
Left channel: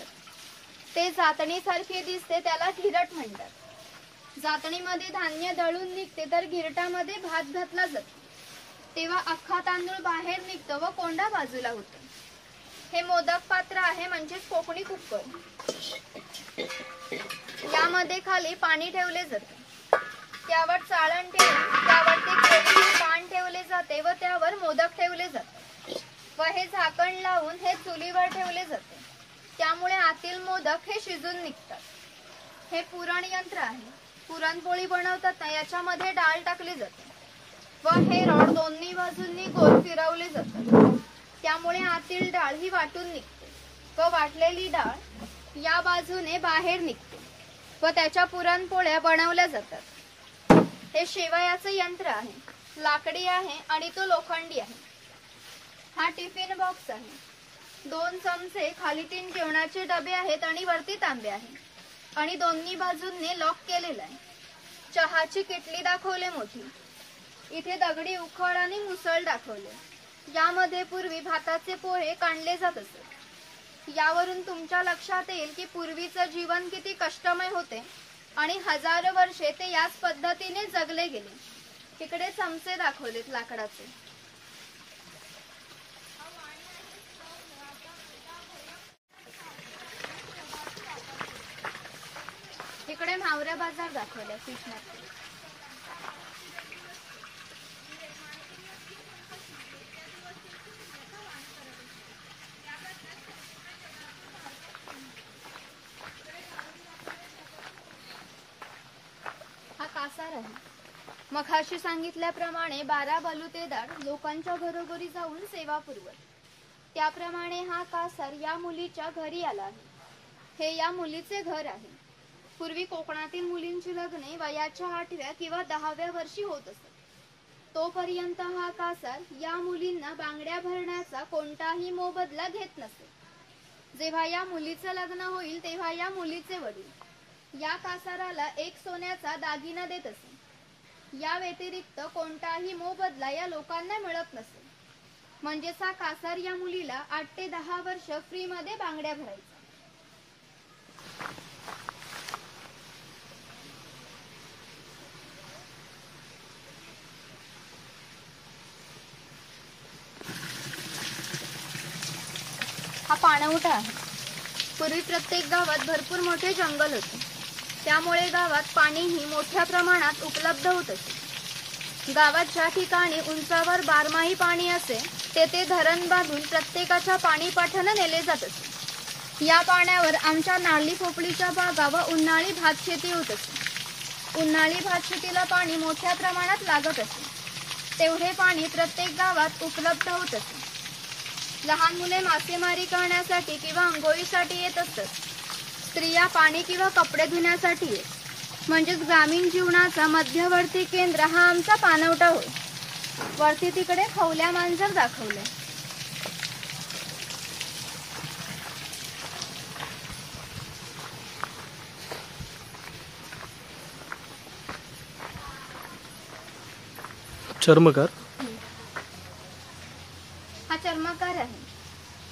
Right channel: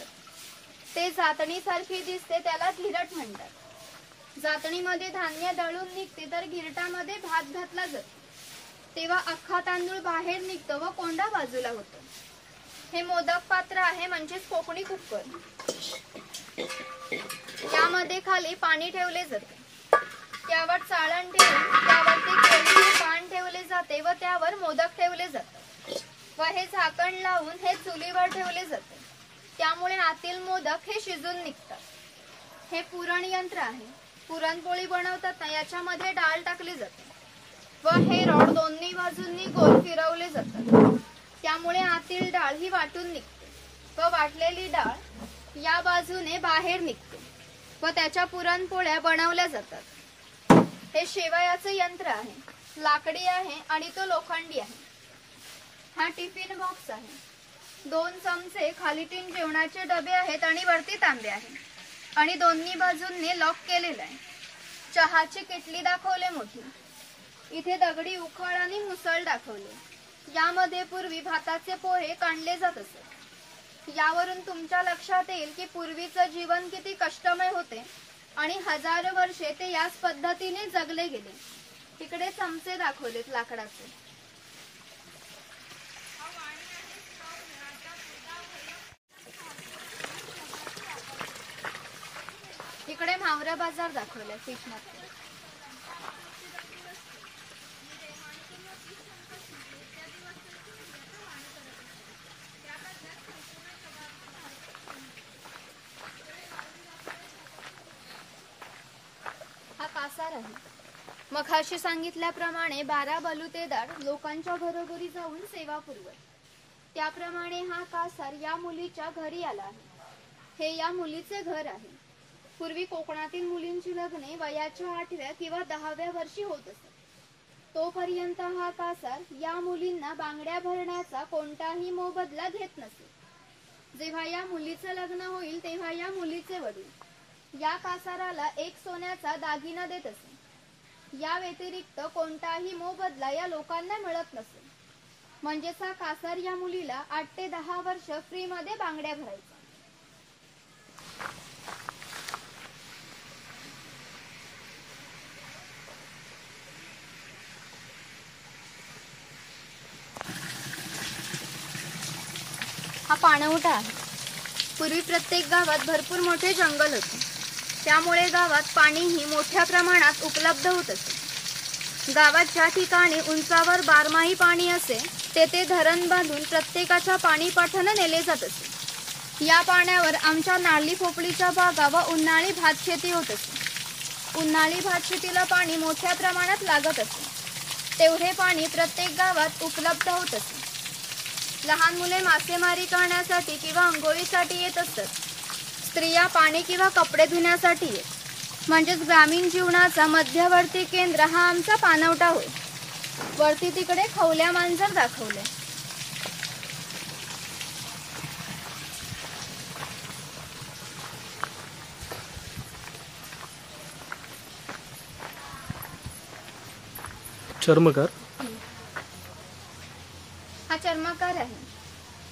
ते जातणीसारखे दिसते, त्याला घिरट म्हणतात. जातणीमध्ये धान्य दळून निघते तर घिरटामध्ये भात घातला जातो. तेव्हा अख्खा तांदूळ बाहेर निघतो व कोंडा बाजूला होतो. हे मोदक पात्र आहे म्हणजेच कोकणी कुकर. यामध्ये खाली पाणी ठेवले जाते. त्यावर चाळण ठेवून त्यावरती केळीचे पान ठेवले जाते व त्यावर मोदक ठेवले जातात व हे झाकण लावून हे चुलीवर ठेवले जाते. त्यामुळे आतील मोदक हे शिजून निघतात. हे पुरण यंत्र आहे. पुरणपोळी बनवताना याच्यामध्ये डाळ टाकली जाते व हे रॉड दोन्ही बाजूंनी गोल फिरवले जातात. त्यामुळे आतील डाळ ही वाटून निघते व वाटलेली डाळ या बाजूने बाहेर निघते व त्याच्या पुरणपोळ्या बनवल्या जातात. हे शेवयाचे यंत्र आहे. लाकडी आहे आणि तो लोखंडी आहे. हा टिफिन बॉक्स आहे. 2 चमचे, खाली 3 जेवणाचे डबे आहेत आणि वरती तांबे आहे आणि दोन्ही बाजूंनी लॉक केलेला आहे. चहाची किटली दाखवले मोठी. इथे दगडी उखळ आणि मुसळ दाखवले. यामध्ये पूर्वी भाताचे पोहे काढले जात असत. यावरून तुमच्या लक्षात येईल की पूर्वीचं जीवन किती कष्टमय होते आणि हजारो वर्षे ते याच पद्धतीने जगले गेले. तिकडे चमचे दाखवलेत लाकडाचे. इकडे म्हावरा बाजार दाखवलाय फिश मार्केट. हा कासार आहे. मघाशी सांगितल्याप्रमाणे 12 बलुतेदार लोकांच्या घरोघरी जाऊन सेवा पुरवत. त्याप्रमाणे हा कासार या मुलीच्या घरी आला आहे. हे या मुलीचे घर आहे. पूर्वी कोकणातील मुलींची लग्ने वयाच्या 8व्या किंवा 10व्या वर्षी होत असत. तोपर्यंत हा कासार या मुलींना बांगड्या भरण्याचा कोणताही मोबदला घेत नसे. जेव्हा या मुलीचं लग्न होईल तेव्हा या मुलीचे वडील या कासाराला एक सोन्याचा दागिना देत असे. या व्यतिरिक्त कोणताही मोबदला या लोकांना मिळत नसे. म्हणजेच हा कासार या मुलीला 8 ते 10 वर्ष फ्री मध्ये बांगड्या भरायचा. हा पाणवठा आहे. पूर्वी प्रत्येक गावात भरपूर मोठे जंगल होते. त्यामुळे गावात पाणीही मोठ्या प्रमाणात उपलब्ध होत असे. गावात ज्या ठिकाणी उंचावर बारमाही पाणी असे तेथे धरण बांधून प्रत्येकाच्या पाणी पाठवणे नेले जात असे. या पाण्यावर आमच्या नारळी पोपळीच्या बागा व उन्हाळी भात शेती होत असे. उन्हाळी भात शेतीला पाणी मोठ्या प्रमाणात लागत असे. तेवढे पाणी प्रत्येक गावात उपलब्ध होत असे. लहान मुले मासेमारी करण्यासाठी किंवा अंघोळीसाठी येत असतात. स्त्रिया पाणी किंवा कपडे धुण्यासाठी येत. म्हणजेच ग्रामीण जीवनाचा मध्यवर्ती केंद्र हा आमचा पाणवठा होय. वरती तिकडे खवल्या मांजर दाखवले. चर्मकार हा चर्मकार आहे.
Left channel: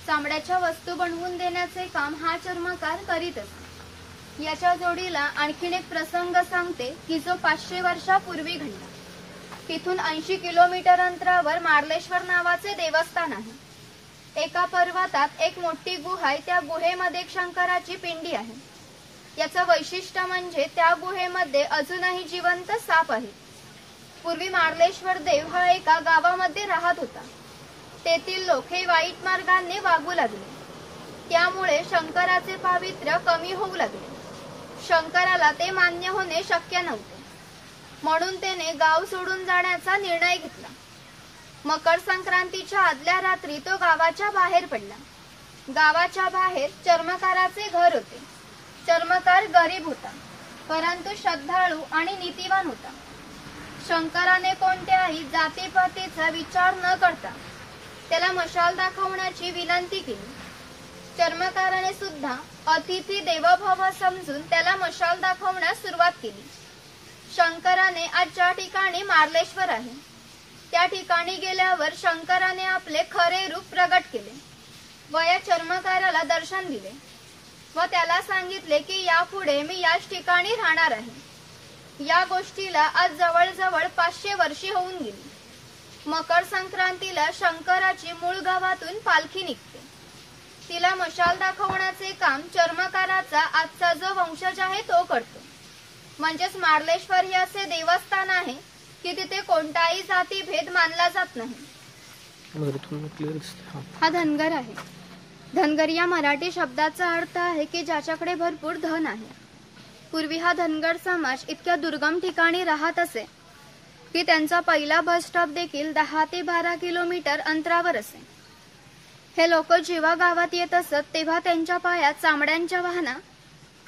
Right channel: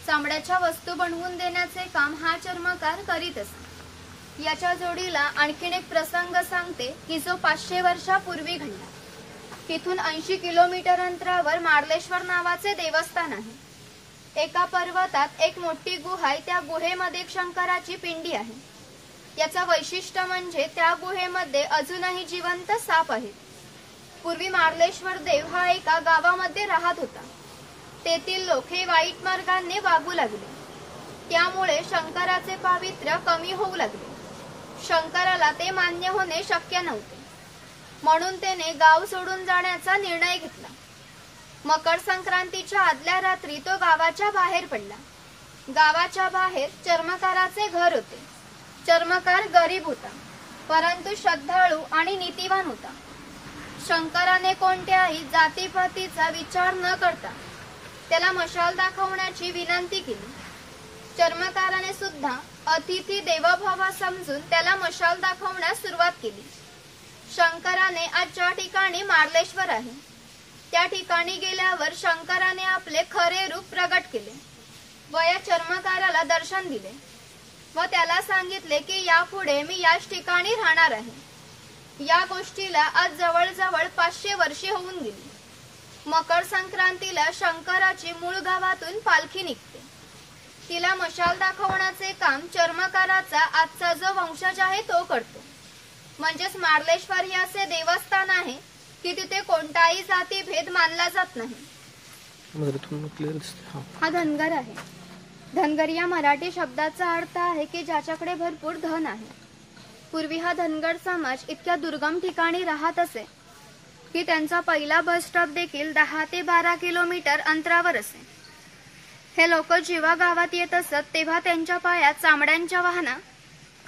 चामड्याच्या वस्तू बनवून देण्याचे काम हा चर्मकार करीत असे. याच्या जोडीला आणखीन एक प्रसंग सांगते की जो 500 वर्षापूर्वी घडला. तिथून 80 किलोमीटर अंतरावर मार्लेश्वर नावाचे देवस्थान आहे. एका पर्वतात एक मोठी गुहा आहे. त्या गुहेमध्ये एक शंकराची पिंडी आहे. याचं वैशिष्ट्य म्हणजे त्या गुहेमध्ये अजूनही जिवंत साप आहेत. पूर्वी मार्लेश्वर देव हा एका गावामध्ये राहत होता. तेथील लोक हे वाईट मार्गाने वागू लागले. त्यामुळे शंकराचे पावित्र्य कमी होऊ लागले. शंकराला ते मान्य होणे शक्य नव्हते. म्हणून त्याने गाव सोडून जाण्याचा निर्णय घेतला. मकर संक्रांतीच्या आदल्या रात्री तो गावाच्या बाहेर पडला. गावाच्या बाहेर चर्मकाराचे घर होते. चर्मकार गरीब होता, परंतु श्रद्धाळू आणि नीतिवान होता. शंकराने कोणत्याही जातीपातीचा विचार न करता त्याला मशाल दाखवण्याची विनंती केली. चर्मकाराने सुद्धा अतिथी देवभाव समजून त्याला मशाल दाखवण्यास सुरुवात केली. शंकराने आज ज्या ठिकाणी मार्लेश्वर आहे त्या ठिकाणी गेल्यावर शंकराने आपले खरे रूप प्रगट केले व या चर्मकाराला दर्शन दिले व त्याला सांगितले की यापुढे मी याच ठिकाणी राहणार आहे. या गोष्टीला आज जवळजवळ 500 वर्षे होऊन गेली. मकर संक्रांतीला शंकराची मूळ गावातून पालखी निघते. तिला मशाल दाखवण्याचे काम चर्मकाराचा आजचा जो वंशज आहे तो करतो. म्हणजेच मार्लेश्वर हे असे देवस्थान आहे की तिथे कोणताही जातीभेद मानला जात नाही. हा धनगर आहे. धनगर या मराठी शब्दाचा अर्थ आहे की ज्याच्याकडे भरपूर धन आहे. पूर्वी हा धनगर समाज इतक्या दुर्गम ठिकाणी राहत असे की त्यांचा पहिला बस स्टॉप देखील 10 ते 12 किलोमीटर अंतरावर असे. हे लोक जेव्हा गावात येत असत तेव्हा त्यांच्या पायात चामड्यांच्या वाहना,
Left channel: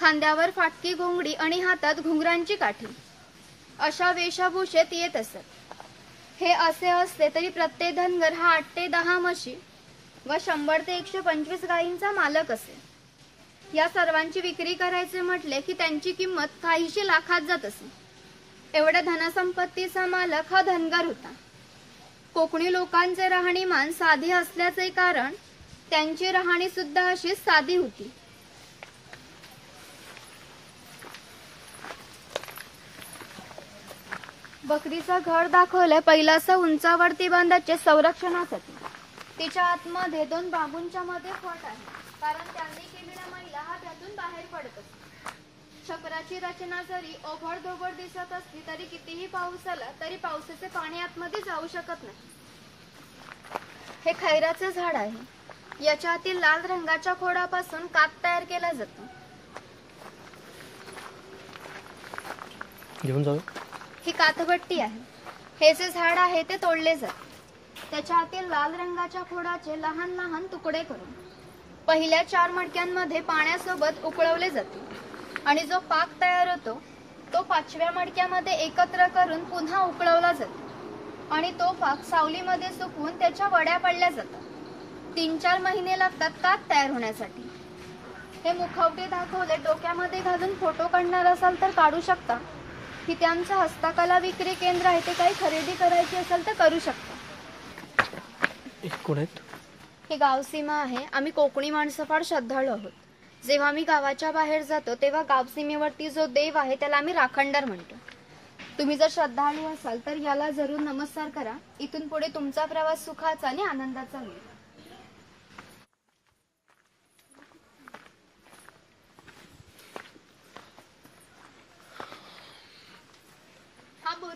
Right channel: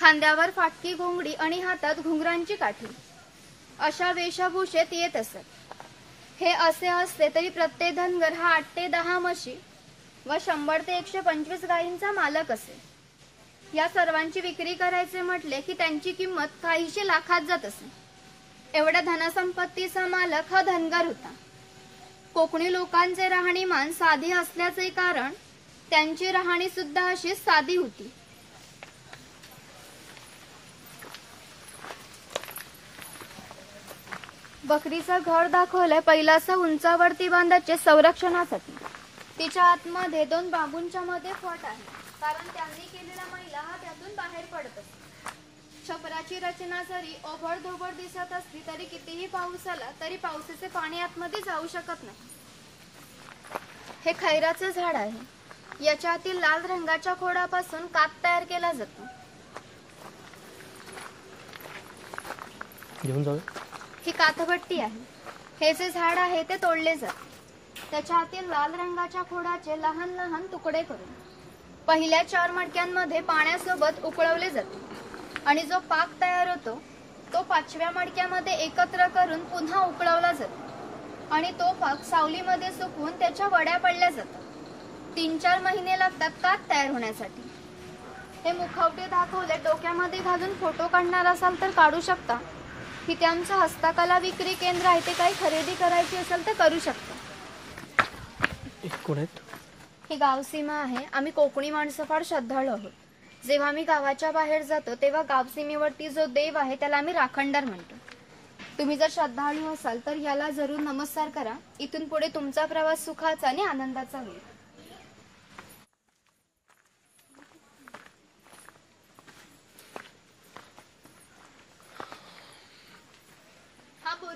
खांद्यावर फाटकी घोंगडी आणि हातात घुंगरांची काठी अशा वेशभूषेत येत असत. हे असे असले तरी प्रत्येक धनगर हा 8 ते 10 म्हशी व 100 ते 125 गायींचा मालक असे. या सर्वांची विक्री करायचे म्हटले की त्यांची किंमत काहीशे लाखात जात असे. एवढ्या धनसंपत्तीचा मालक हा धनगर होता. कोकणी लोकांचे राहणीमान साधी असल्याचे कारण त्यांची राहणी सुद्धा अशी साधी होती. बकरीचं घर दाखवलंय पहिलाचं उंचावरती बांधायच्या संरक्षणासाठी. तिच्या आतमध्ये 2 बांबूंच्या मध्ये फट आहे, कारण त्यांनी केलेला मैला हा त्यातून बाहेर पडत असतो. छपराची रचना जरी ओबडधोबड दिसत असली तरी कितीही पाऊस आला तरी पावसाचे पाणी आतमध्ये जाऊ शकत नाही. हे खैराचं झाड आहे. याच्या आतील लाल रंगाच्या खोडापासून कात तयार केला जातो. घेऊन जाऊ. ही कातभट्टी आहे. हे जे झाड आहे ते तोडले जाते. त्याच्या आतील लाल रंगाच्या खोडाचे लहान लहान तुकडे करून पहिल्या 4 मडक्यांमध्ये पाण्यासोबत उकळवले जाते आणि जो पाक तयार होतो तो 5व्या मडक्यामध्ये एकत्र करून पुन्हा उकळवला जातो आणि तो पाक सावलीमध्ये सुकवून त्याच्या वड्या पडल्या जातात. 3-4 महिने लागतात कात तयार होण्यासाठी. हे मुखवटे दाखवले. डोक्यामध्ये घालून फोटो काढणार असाल तर काढू शकता. इथे आमचं हस्तकला विक्री केंद्र आहे. ते काही खरेदी करायची असेल तर करू शकता. ही गावसीमा आहे. आम्ही कोकणी माणसं फार श्रद्धाळू आहोत. जेव्हा आम्ही गावाच्या बाहेर जातो तेव्हा गावसीमेवरती जो देव आहे त्याला आम्ही राखणदार म्हणतो. तुम्ही जर श्रद्धाळू असाल तर याला जरूर नमस्कार करा. इथून पुढे तुमचा प्रवास सुखाचा आणि आनंदाचा होईल.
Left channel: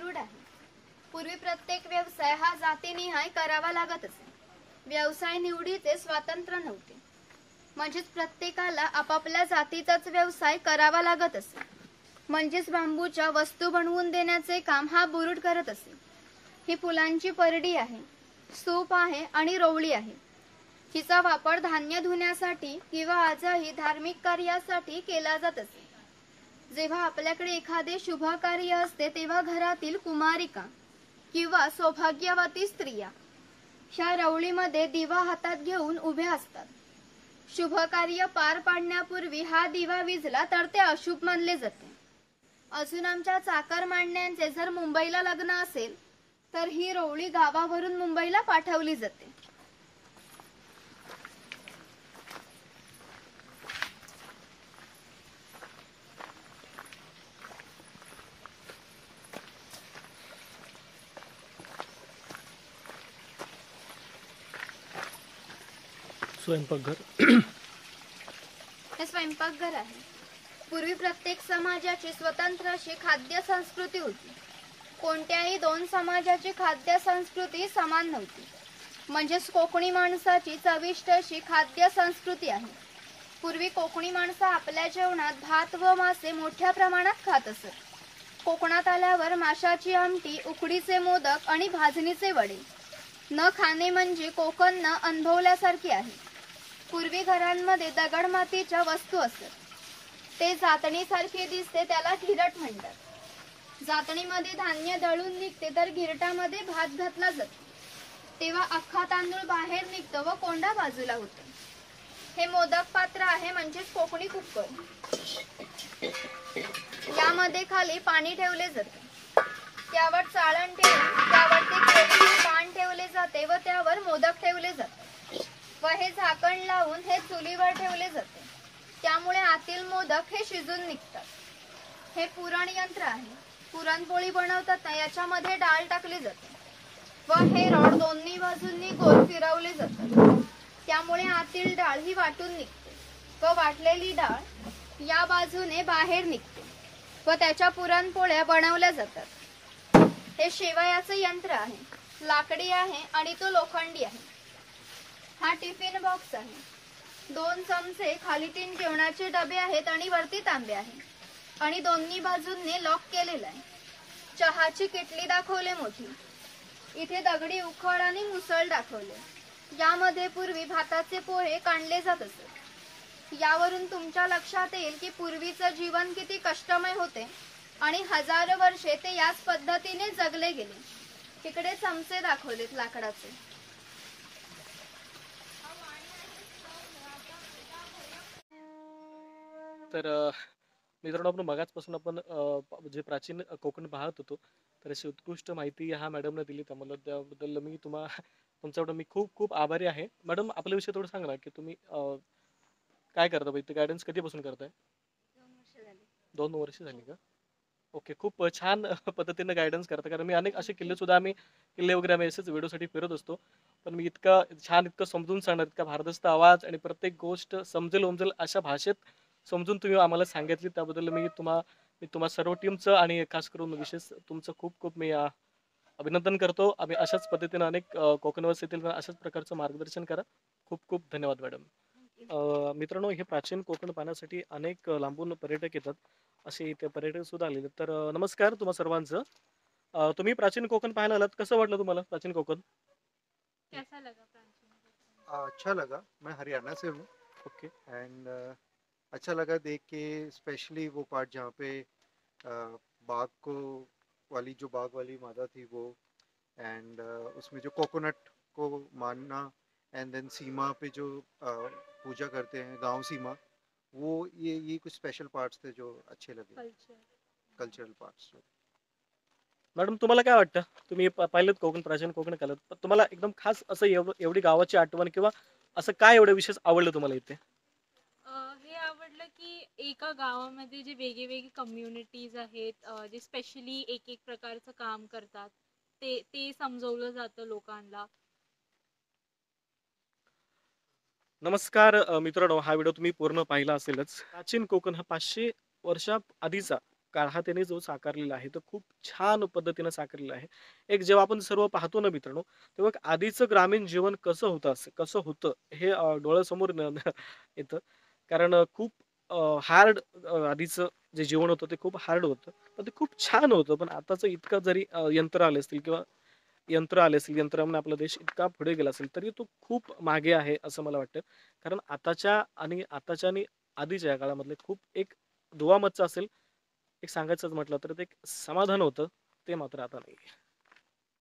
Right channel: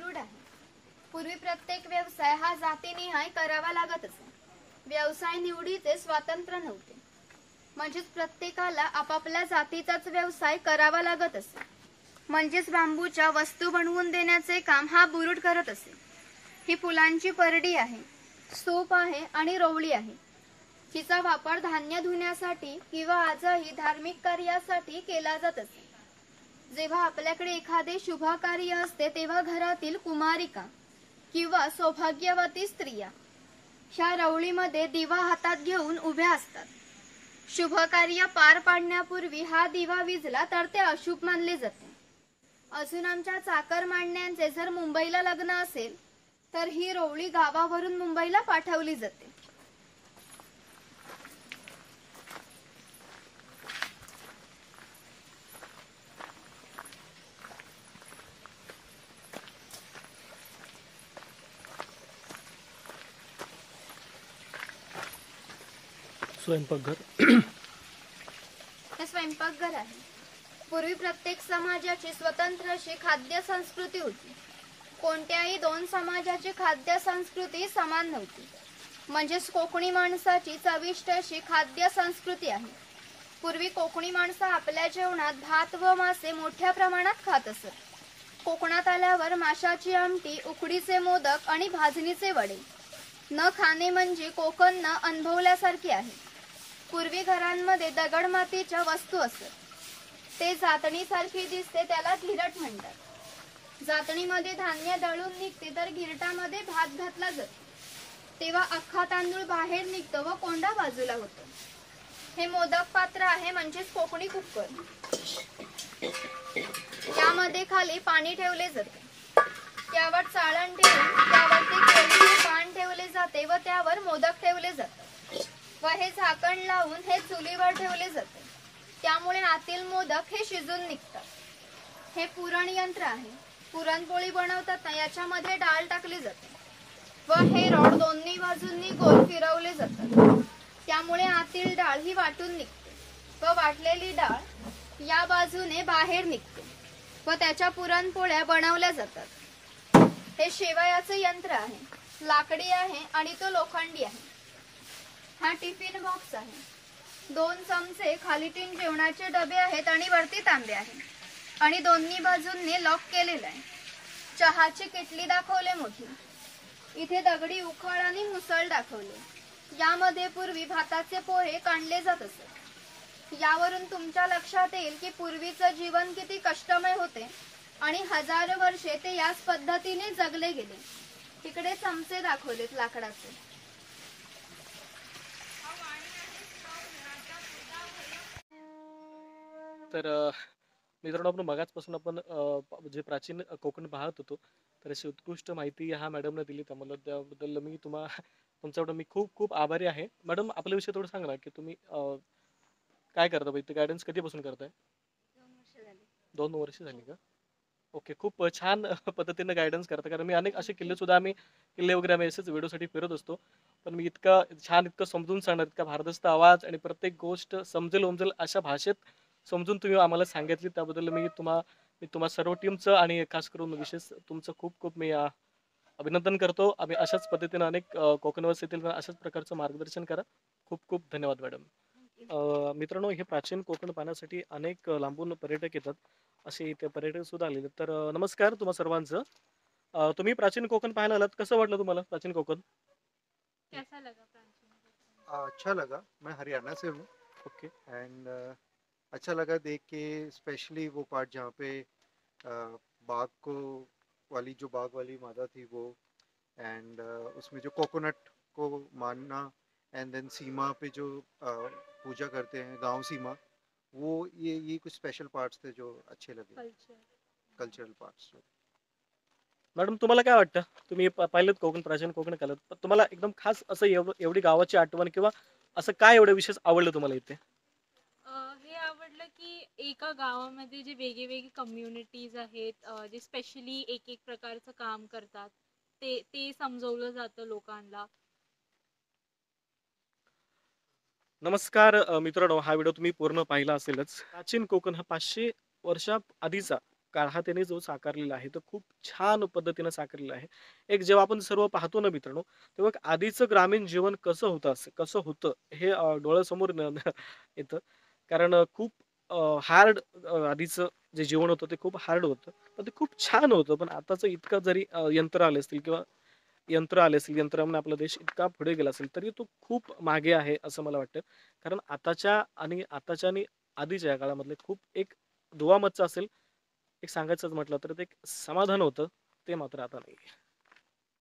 बुरुड आहे. पूर्वी प्रत्येक व्यवसाय हा जातीनिहाय करावा लागत असे. व्यवसाय निवडीचे स्वातंत्र्य नव्हते. म्हणजेच प्रत्येकाला आपापल्या जातीचाच व्यवसाय करावा लागत असे. म्हणजेच बांबूच्या वस्तू बनवून देण्याचे काम हा बुरुड करत असे. ही फुलांची परडी आहे, सूप आहे आणि रोवळी आहे. हिचा वापर धान्य धुण्यासाठी किंवा आजही धार्मिक कार्यासाठी केला जात असे. जेव्हा आपल्याकडे एखादे शुभ कार्य असते तेव्हा घरातील कुमारिका किंवा सौभाग्यवती स्त्रिया ह्या रवळीमध्ये दिवा हातात घेऊन उभ्या असतात. शुभ कार्य पार पाडण्यापूर्वी हा दिवा विझला तर ते अशुभ मानले जाते. अजून आमच्या चाकरमान्यांचे जर मुंबईला लग्न असेल तर ही रोवळी गावावरून मुंबईला पाठवली जाते. स्वयंपाकघर हे स्वयंपाकघर आहे. पूर्वी प्रत्येक समाजाची स्वतंत्र अशी खाद्य संस्कृती होती. कोणत्याही दोन समाजाची खाद्य संस्कृती समान नव्हती. म्हणजेच कोकणी माणसाची चविष्ट अशी खाद्य संस्कृती आहे. पूर्वी कोकणी माणसं आपल्या जेवणात भात व मासे मोठ्या प्रमाणात खात असत. कोकणात आल्यावर माशाची आमटी, उकडीचे मोदक आणि भाजणीचे वडे न खाणे म्हणजे कोकण न अनुभवल्यासारखे आहे. पूर्वी घरांमध्ये दगडमातीच्या वस्तू असत. ते जातणीसारखे दिसते, त्याला घिरट म्हणतात. जातणीमध्ये धान्य दळून निघते तर घिरटामध्ये भात घातला जातो. तेव्हा अख्खा तांदूळ बाहेर निघतो व कोंडा बाजूला होतो. हे मोदक पात्र आहे, म्हणजेच कोकणी कुकर. यामध्ये खाली पाणी ठेवले जाते. त्यावर चाळण ठेवून त्यावरती पान ठेवले जाते व त्यावर मोदक ठेवले जातात व हे झाकण लावून हे चुलीवर ठेवले जाते. त्यामुळे आतील मोदक हे शिजून निघतात. हे पुरण यंत्र आहे. पुरणपोळी बनवताना याच्यामध्ये डाळ टाकली जाते व हे रॉड दोन्ही बाजूंनी गोल फिरवले जातात. त्यामुळे आतील डाळ ही वाटून निघते व वाटलेली डाळ या बाजूने बाहेर निघते व त्याच्या पुरणपोळ्या बनवल्या जातात. हे शेवयाचे यंत्र आहे. लाकडी आहे आणि तो लोखंडी आहे. हा टिफिन बॉक्स आहे. 2 चमचे, खाली 3 जेवणाचे डबे आहेत आणि वरती तांबे आहे आणि दोन्ही बाजूंनी लॉक केलेला आहे. चहाची किटली दाखवले मोठी. इथे दगडी उखळ आणि मुसळ दाखवले. यामध्ये पूर्वी भाताचे पोहे काढले जात असत. यावरून तुमच्या लक्षात येईल की पूर्वीचं जीवन किती कष्टमय होते आणि हजारो वर्षे ते याच पद्धतीने जगले गेले. तिकडे चमचे दाखवलेत लाकडाचे. तर मित्रांनो, आपण मगाचपासून आपण जे प्राचीन कोकण पाहत होतो, तर अशी उत्कृष्ट माहिती ह्या मॅडमने दिली. त्याबद्दल मी तुमच्याकडून मी खूप खूप आभारी आहे. मॅडम, आपल्याविषयी थोडं सांगा ना, की तुम्ही काय करता? इथे गायडन्स कधीपासून करताय? 2 वर्ष झाली का? ओके, खूप छान पद्धतीने गायडन्स करता. कारण मी अनेक असे किल्ले वगैरे आम्ही असेच व्हिडिओसाठी फिरत असतो. पण मी इतकं छान, इतकं समजून सांगणार, इतका भारदस्त आवाज आणि प्रत्येक गोष्ट समजेल उमजेल अशा भाषेत समजून तुम्ही आम्हाला सांगितली. त्याबद्दल मी तुम्हा सर्व टीमचं आणि खास करून विशेष तुमचं खूप खूप मी अभिनंदन करतो. आम्ही अशाच पद्धतीने अनेक कोकणवासी येथील अशाच प्रकारचं मार्गदर्शन करा. खूप खूप धन्यवाद मॅडम. मित्रांनो, हे प्राचीन कोकण पाहण्यासाठी अनेक लांबून पर्यटक येतात. असे इथे पर्यटक सुद्धा आलेले. तर नमस्कार तुम्हा सर्वांचं. तुम्ही प्राचीन कोकण पाहायला आलात. कसं वाटलं तुम्हाला प्राचीन कोकण? कैसा लगा प्राचीन? अच्छा लगा. मैं हरियाणा से हूँ ओके. एंड अच्छा लगा देख के, स्पेशली वो पार्ट जहाँ पे बाघ को वाली जो बाघ वाली मादा थी वो, एंड उसमें जो कोकोनट को मानना, एंड देन सीमा पे जो पूजा करते हैं गांव सीमा, वो ये कुछ स्पेशल पार्ट्स थे जो अच्छे लगे, कल्चर. Cultural parts. मॅडम, तुम्हाला काय वाटतं? तुम्ही पाहिलं कोकण, प्राचीन कोकण केलं, पण तुम्हाला एकदम खास असं एवढी गावाची आठवण किंवा असं काय एवढं विशेष आवडलं तुम्हाला इथे? हे आवडलं की एका गावामध्ये जे वेगवेगळे कम्युनिटीज आहेत, जे स्पेशली एक प्रकारचं काम करतात, ते समजवलं जातं लोकांना. नमस्कार मित्रांनो, हा व्हिडिओ तुम्ही पूर्ण पाहिला असेलच. प्राचीन कोकण हा 500 वर्षा आधीचा काळ त्याने जो साकारलेला आहे तो खूप छान पद्धतीने साकारलेला आहे. एक जेव्हा आपण सर्व पाहतो ना मित्रांनो, तेव्हा एक आधीचं ग्रामीण जीवन कसं होतं हे डोळ्यासमोर येतं. कारण खूप हार्ड आधीचं जे जीवन होतं ते खूप हार्ड होतं. पण ते खूप छान होतं. पण आताचं इतकं जरी यंत्र आले असतील किंवा यंत्रामुळे आपला देश इतका पुढे गेला असेल, तरी तो खूप मागे आहे असं मला वाटतं. कारण आताच्या आणि आधीच्या या काळामधले खूप एक दुवा मच्चा असेल, एक सांगायचंच म्हटलं तर ते एक समाधान होतं, ते मात्र आता नाही.